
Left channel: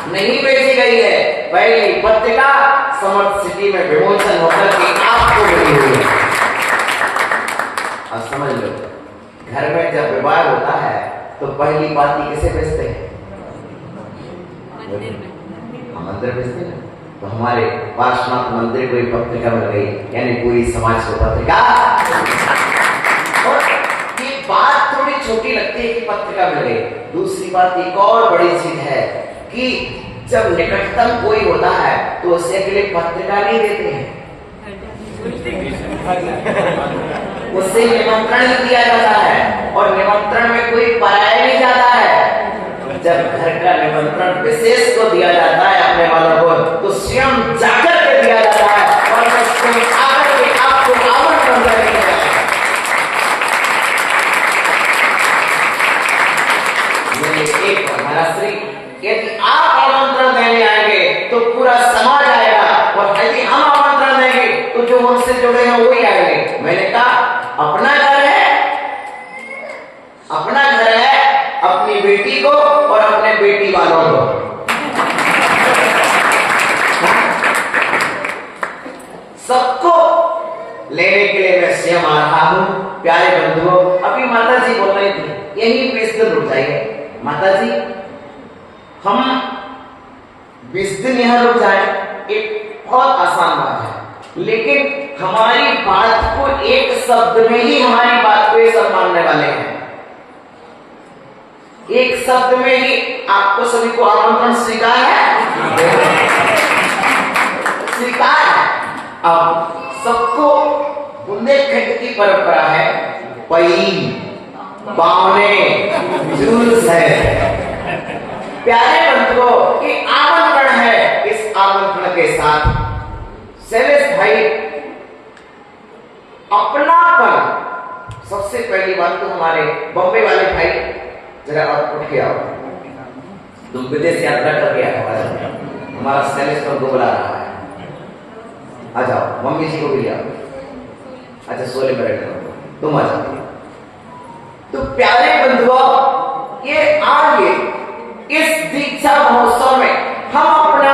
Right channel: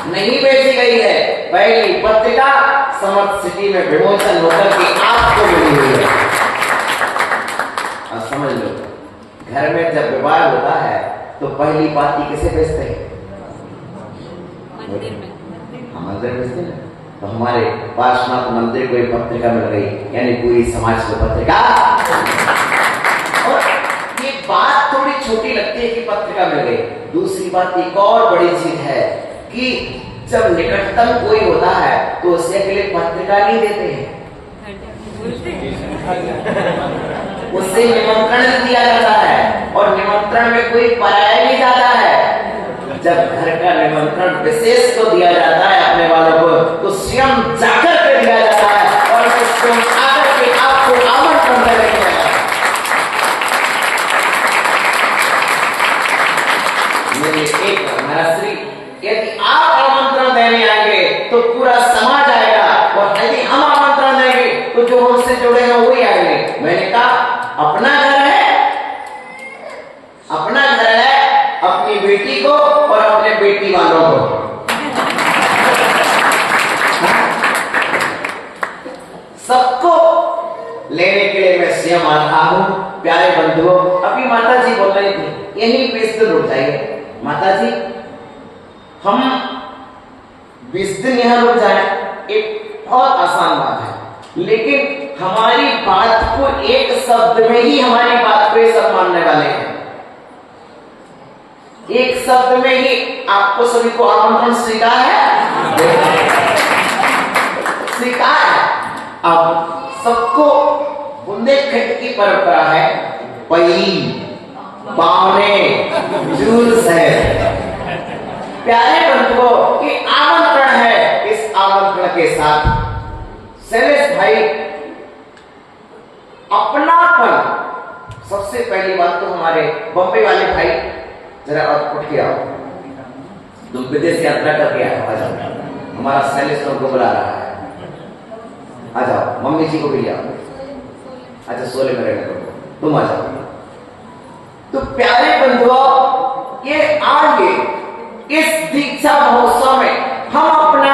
नहीं बेची गई है, पहली पत्रिका समर्थ सिटी में विमोचन होकर के आपको मिली हुई है। और समझ लो, घर में जब विवाह होता है तो पहली पाती किसे भेजते हैं? मंदिर भेजते हैं। तो हमारे पार्श्वनाथ मंदिर कोई पत्रिका मिल गई, यानी पूरी समाज को पत्रिका। और ये बात थोड़ी छोटी लगती है कि पत्रिका मिल गई। दूसरी बात एक और बड़ी चीज है कि जब निकटतम कोई होता है तो उसे के लिए पत्रिका नहीं देते हैं, उससे निमंत्रण दिया जाता है। और निमंत्रण में कोई पराया नहीं जाता है। जब घर का निमंत्रण विशेष को दिया जाता है अपने वालों को, तो स्वयं जाकर के दिया जाता है और स्वयं आकर के आपको आमंत्रण करेंगे। एक महाराष्ट्री, यदि आप आमंत्रण देने आएंगे तो पूरा समाज आएगा, और यदि हम आमंत्रण देंगे तो जो हमसे जुड़े हैं वही आएंगे। मैंने कहा, अपना घर है, अपना घर है, अपनी बेटी को और अपने बेटी वालों को। सबको लेने के लिए मैं स्वयं आ रहा हूं। प्यारे बंधुओं, अभी माता जी बोल रही थी, यही 20 दिन रुक जाइए। माता जी, हम 20 दिन यहां रुक जाए, एक बहुत आसान बात है, लेकिन हमारी बात को एक शब्द में ही, हमारी बात को ये सब मानने वाले हैं। एक शब्द में ही आपको सभी को आमंत्रण स्वीकार है, स्वीकार है। अब सबको बुंदेलखंड की परंपरा है, पई पावने जुलूस है। प्यारे बंधुओं की आमंत्रण है। इस आमंत्रण के साथ शैलेश भाई अपनापन, सबसे पहली बात तो हमारे बम्बई वाले भाई जरा उठ के आओ, तुम विदेश यात्रा करके आओ, हमारा शैलेश को बुला रहा है, आ जाओ, मम्मी जी को भी ले आओ। अच्छा, सोले में रहने दो, तुम आ जाओ। तो प्यारे बंधुओं, ये आगे इस दीक्षा महोत्सव में हम अपना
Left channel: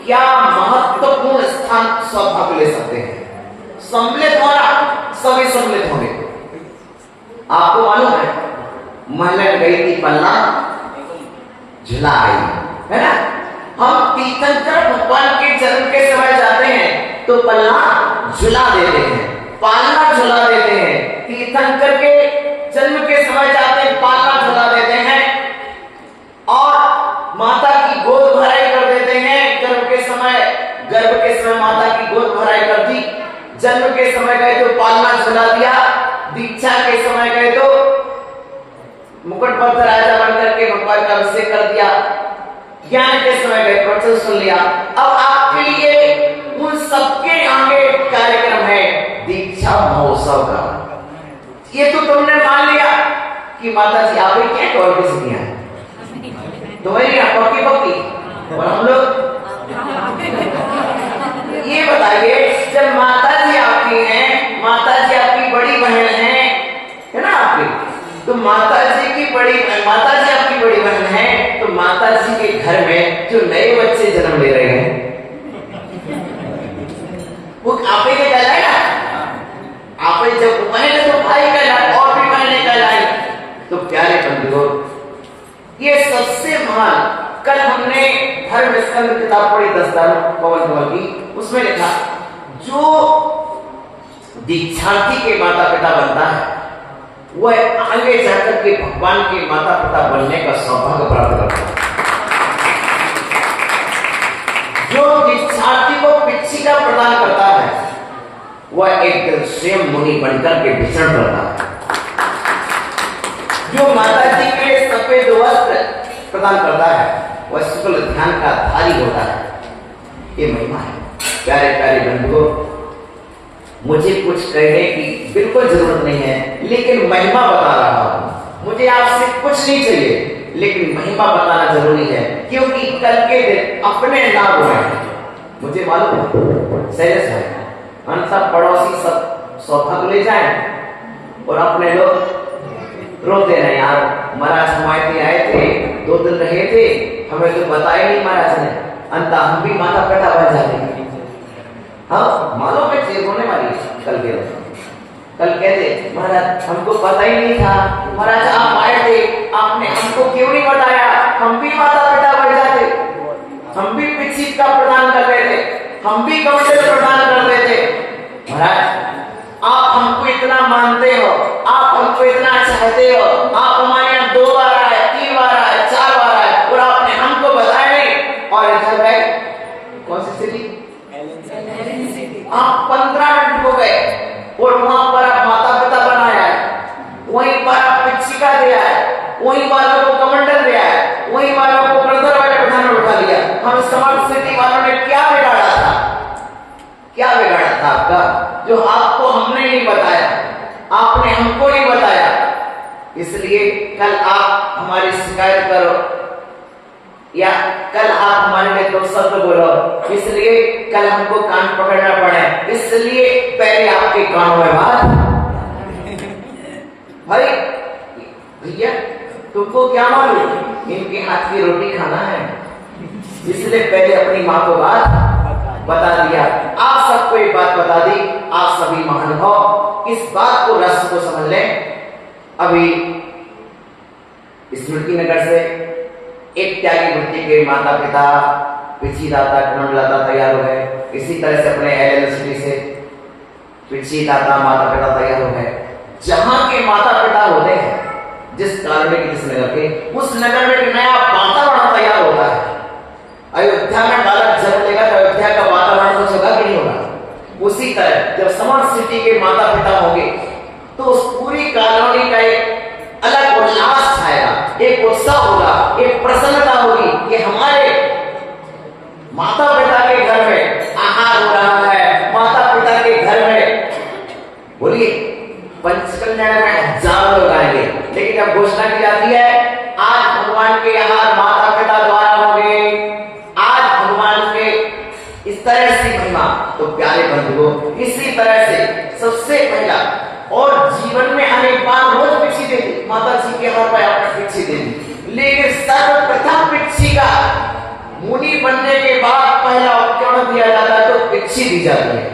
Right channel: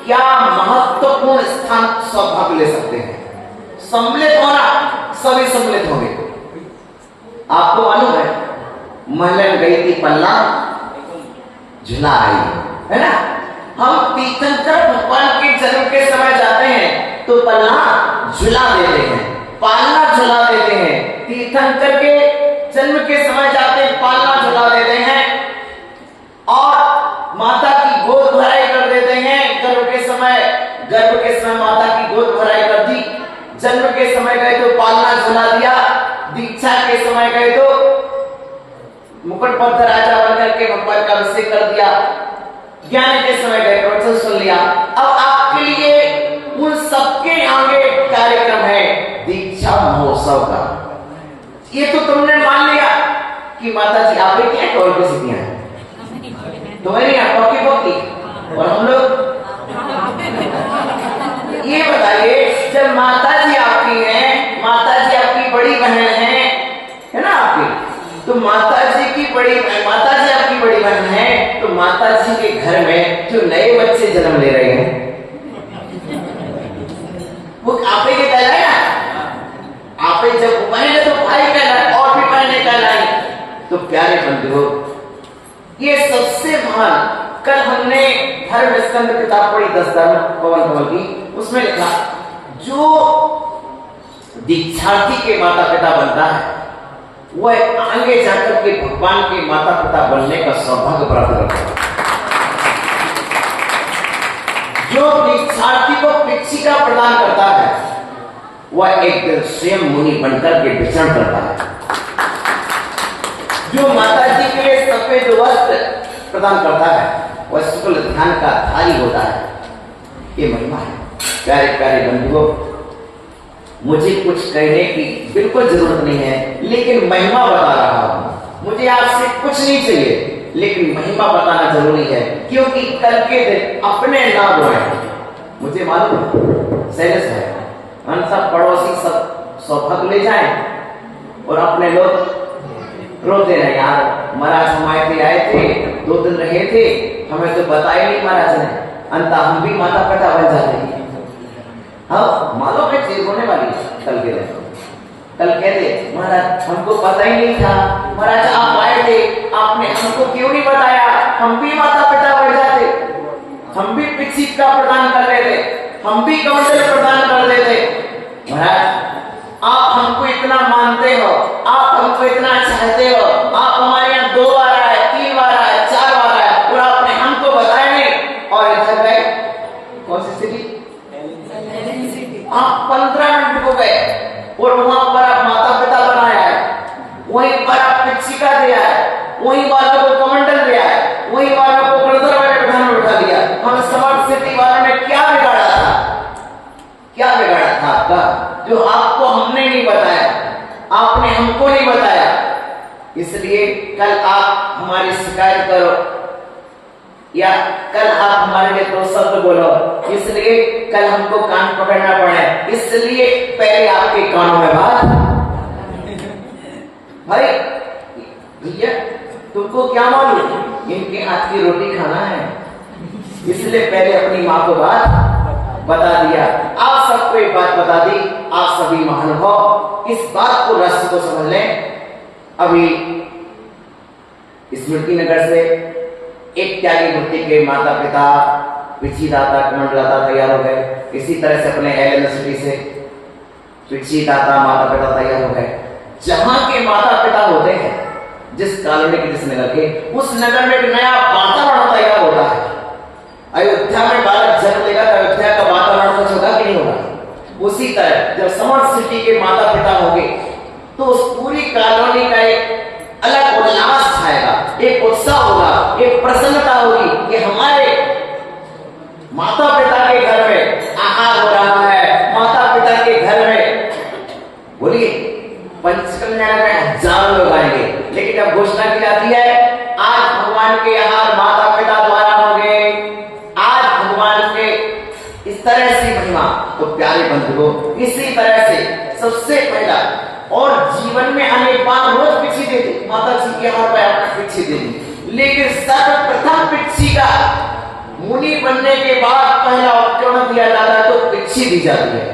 क्या महत्वपूर्ण स्थान सौभाग्य ले सकते हैं। सम्मिलित होना, सभी सम्मिलित होंगे। आपको मालूम है, महल गई थी पन्ना झुला आई, है ना। हम तीर्थंकर भगवान के जन्म के समय जाते हैं तो पलना झुला देते हैं, पालना झुला देते हैं। तीर्थंकर के जन्म के समय जाते हैं, पालना झुला देते हैं और माता की गोद भराई कर देते हैं। गर्भ के समय माता की गोद भराई कर दी, जन्म के समय गए तो पालना झुला दिया, दीक्षा के समय गए तो मुकुटबद्ध राजा बनकर के भगवान का अभिषेक कर दिया, ज्ञान के समय गए प्रवचन सुन लिया। अब आपके लिए उन सबके आगे कार्यक्रम है दीक्षा महोत्सव का। ये तो तुमने मान लिया कि माता जी आप ही क्या कौन की सिद्धियां तुम्हारी कॉपी पक्की, और हम लोग ये बताइए जब माता जी आपकी हैं, माता जी आपकी बड़ी बहन है ना आपकी, तो माता जी आपकी बड़ी बहन है, तो माता जी के घर में जो नए बच्चे जन्म ले रहे हैं वो आपे के कहलाए ना। आपे जब पहले तो भाई कहलाए और भी पहले कहलाए। तो प्यारे बंधुओं, ये सबसे महान, कल हमने धर्म स्कंद किताब पढ़ी 10 पवन कमल की, उसमें लिखा जो दीक्षार्थी के माता पिता बनता है वह आगे जाकर के भगवान के माता पिता बनने का सौभाग्य प्राप्त करता है। जो दीक्षार्थी को पिच्छिका प्रदान करता है वह एक दिन स्वयं मुनि बनकर के विचरण करता है। जो माता जी के लिए सफेद वस्त्र प्रदान करता है वह शुक्ल ध्यान का धारी होता है। ये महिमा है। प्यारे प्यारे बंधुओं, मुझे कुछ कहने की बिल्कुल जरूरत नहीं है, लेकिन महिमा बता रहा हूं। मुझे आपसे कुछ नहीं चाहिए, लेकिन महिमा बताना जरूरी है, क्योंकि कल के दिन अपने नाम हो मुझे मालूम है शैलेश भाई हम सब पड़ोसी सब सौभाग्य ले जाए और अपने लोग रोते रहे, यार महाराज हमारे आए थे 2 दिन रहे थे, हमें तो बताया नहीं महाराज ने, अंत हम भी माता पिता बन जाते। हाँ मालूम है चीज होने वाली कल के दिन। कल कहते महाराज हमको पता ही नहीं था, महाराज आप आए थे, आपने हमको क्यों नहीं बताया, हम भी माता पिता बन जाते, हम भी पिच्छिका प्रदान कर लेते, हम भी कमंडल प्रदान कर देते। महाराज आप हमको इतना मानते हो, आप हमको इतना चाहते हो, आप हमारे यहाँ 2 बार आए, 3 बार आए, 4 बार आए और आपने हमको बताया नहीं। और इधर गए कौन सी सिटी, आप 15 मिनट हो गए और वहां पर आप माता पिता बनाया है, वहीं पर आप पिच्छिका दिया है, वहीं वालों को कमंडल दिया है, वहीं वालों को ब्रदर वाले प्रधान उठा लिया। हम स्मार्ट सिटी वालों ने क्या बिगाड़ा था, क्या बिगाड़ा था आपका, जो आपको हमने नहीं बताया, आपने हमको नहीं बताया। इसलिए कल आप हमारी शिकायत करो या कल आप हमारे लिए 2 शब्द बोलो, इसलिए कल हमको कान पकड़ना पड़े, इसलिए पहले आपके कानों में बात। भाई भैया तुमको क्या मालूम इनके हाथ की रोटी खाना है, इसलिए पहले अपनी माँ को बात बता दिया। आप सबको एक बात बता दी, आप सभी महानुभाव इस बात को रस को समझ लें। अभी स्मृति नगर से एक त्यागी वृत्ति के माता पिता पिछी दाता कमंडलदाता तैयार हो गए। इसी तरह से अपने यूनिवर्सिटी से पिछी दाता माता पिता तैयार हो गए। जहां के माता पिता होते हैं, जिस कॉलोनी के जिस नगर के, उस नगर में एक नया वातावरण तैयार होता है। अयोध्या में बालक जन्म लेगा तो अयोध्या का वातावरण कुछ होगा कि नहीं होगा। उसी तरह जब समर्थ सिटी के माता पिता होंगे तो उस पूरी कॉलोनी का एक अलग उल्लास छाएगा, एक उत्साह होगा, एक प्रसन्नता होगी कि हमारे माता पिता के घर में आहार हो रहा है, माता पिता के घर में। बोलिए पंचकल्याण में जान लोग आएंगे, लेकिन जब घोषणा की जाती है आज भगवान के आहार माता पिता द्वारा होंगे, आज भगवान के इस तरह से महिमा, तो प्यारे बंधुओं इसी तरह से सबसे पहला और जीवन में अनेक बार रोज पिछी दे दी माता जी के हाथ में पिछी दे दी, लेकिन सर्वप्रथम पिछी का मुनि बनने के बाद पहला उपकरण दिया जाता है तो पिछी दी जाती है।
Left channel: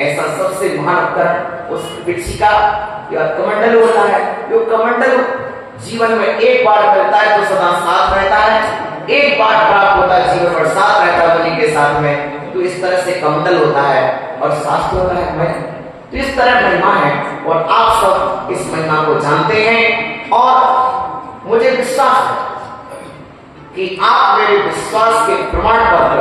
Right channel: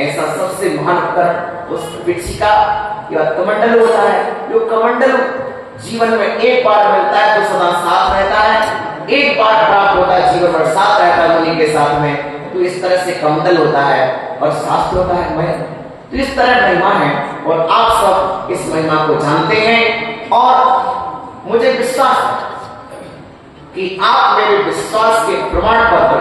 ऐसा सबसे महान उपकरण उस पिछी का कमंडल होता है। जो कमंडल जीवन में एक बार मिलता है तो सदा साथ रहता है, एक बार प्राप्त होता है, जीवन भर साथ रहता है मुनि के साथ में, तो इस तरह से कमंडल होता है और शास्त्र होता है मैं। तो इस तरह महिमा है और आप सब इस महिमा को जानते हैं और मुझे विश्वास है कि आप मेरे विश्वास के प्रमाण पत्र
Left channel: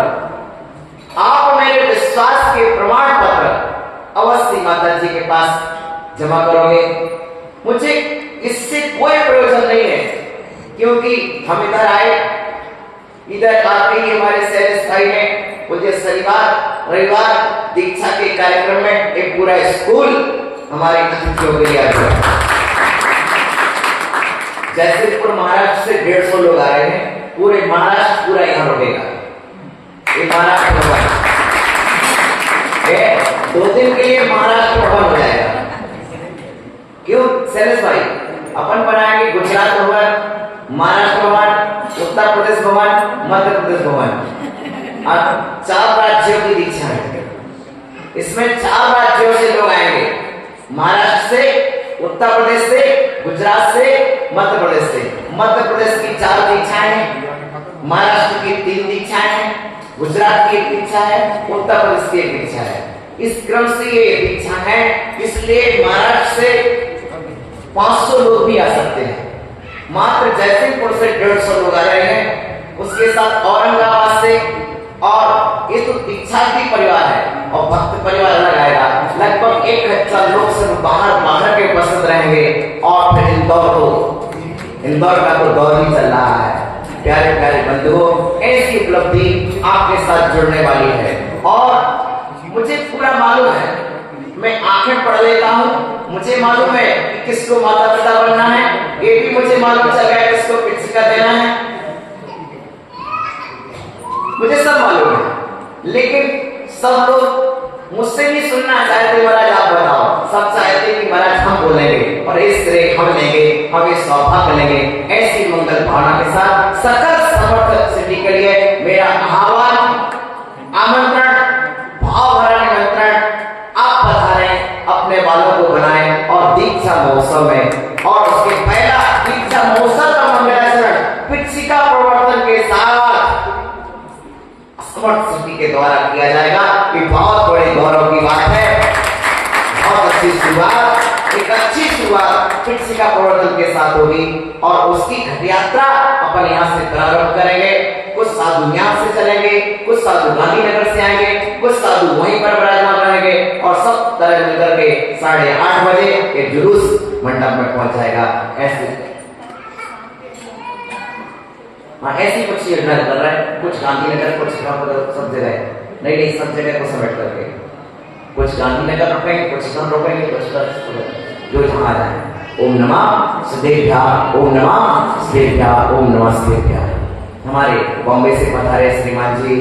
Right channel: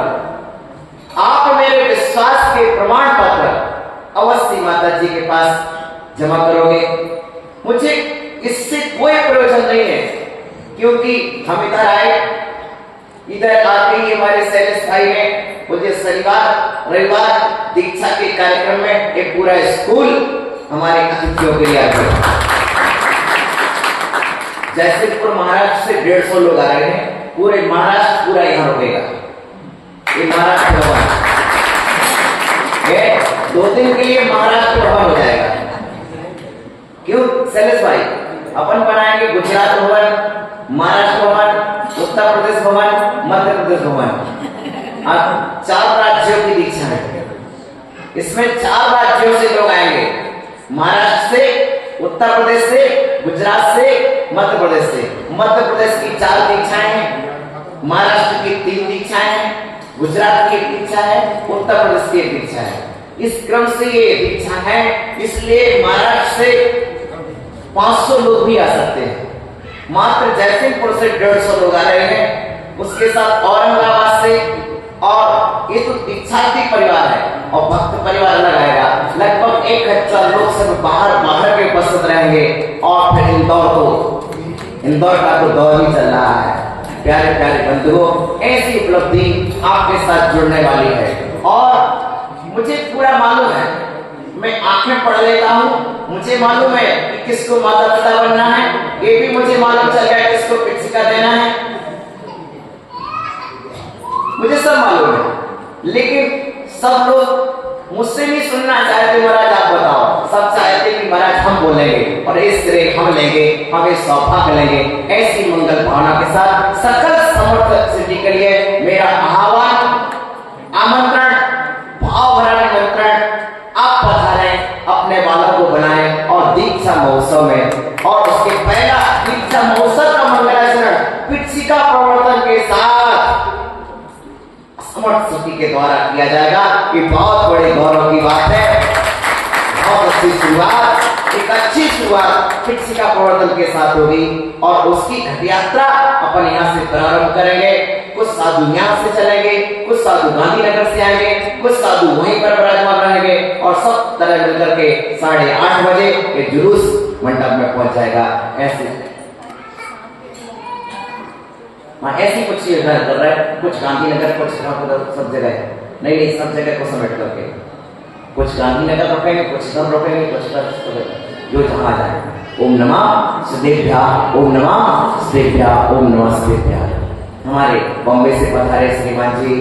अवश्य माता जी के पास जमा करोगे। मुझे इससे कोई प्रयोजन नहीं है, क्योंकि हम इधर आए, इधर आके ही हमारे शैलेश भाई ने मुझे शनिवार रविवार दीक्षा के कार्यक्रम में एक पूरा स्कूल हमारे अतिथियों के लिए आ गया। जैसलमेर महाराष्ट्र से 150 लोग आ रहे हैं, पूरे महाराष्ट्र पूरा यहाँ रुकेगा। ये महाराष्ट्र भवन 2 दिन के लिए महाराष्ट्र भवन हो जाएगा। क्यों शैलेश भाई? अपन बनाएंगे गुजरात भवन, महाराष्ट्र भवन, उत्तर प्रदेश भवन, मध्य प्रदेश भवन। अब 4 राज्यों की दीक्षा है, इसमें 4 राज्यों से लोग आएंगे, महाराष्ट्र से, उत्तर प्रदेश से, गुजरात से, मध्य प्रदेश से। मध्य प्रदेश की 4 दीक्षाएं हैं, महाराष्ट्र की 3 दीक्षाएं हैं, गुजरात की 1 दीक्षा है, उत्तर प्रदेश की 1 दीक्षा है। इस क्रम से ये दीक्षा है, इसलिए महाराष्ट्र से 500 लोग भी आ सकते हैं। मात्र जयसिंहपुर से 150 लोग आ रहे हैं, उसके साथ औरंगाबाद से, और ये तो दीक्षार्थी परिवार है और भक्त परिवार अलग आएगा। लगभग 1000 लोग सिर्फ बाहर के उपस्थित रहेंगे। और फिर इंदौर का तो दौर ही चल रहा है। प्यारे प्यारे बंधुओं, ऐसी उपलब्धि आपके साथ जुड़ने वाली है और मुझे पूरा मालूम है, मैं आंखें पढ़ लेता हूँ, मुझे मालूम है कि किसको माता पिता बनना है, ये भी मुझे मालूम चल गया किसको पिछिका देना है, मुझे सब मालूम है। लेकिन सब लोग मुझसे भी सुनना चाहते, महाराज आप बताओ। सब चाहते कि महाराज हम बोलेंगे और इस तरह हम लेंगे, हम इस सौभाग्य लेंगे। ऐसी मंगल भावना के साथ सकल समर्थ सिद्धि के लिए मेरा आह्वान, आमंत्रण, भाव भरा निमंत्रण, आप पधारें, अपने बालों को बनाएं और दीक्षा महोत्सव में, और उसके पहला दीक्षा महोत्सव का मंगलाचरण पिछिका प्रवर्तन के साथ समर्थ सिद्धि के द्वारा किया जाएगा। ये बहुत बड़े गौरव की बात है, बहुत अच्छी शुरुआत, एक अच्छी शुरुआत पिछिका प्रवर्तन के साथ होगी और उसकी घट यात्रा अपन यहाँ से प्रारंभ करेंगे। कुछ साधु यहाँ से चलेंगे, कुछ साधु गांधीनगर से आएंगे, कुछ साधु वहीं पर विराजमान रहेंगे और सब तरह मिलकर के 8:30 बजे ये जुलूस मंडप में पहुंच जाएगा। ऐसी कुछ योजना कर रहा है, कुछ गांधीनगर, कुछ सब जगह, नहीं सब जगह को समेट करके, कुछ गांधीनगर रुकेंगे, कुछ इधर रुकेंगे, कुछ जो जहां जाए। ओम नमः सदेभ्या, ओम नमः सदेभ्या, ओम नमः सदेभ्या। हमारे बॉम्बे से पधारे श्रीमान जी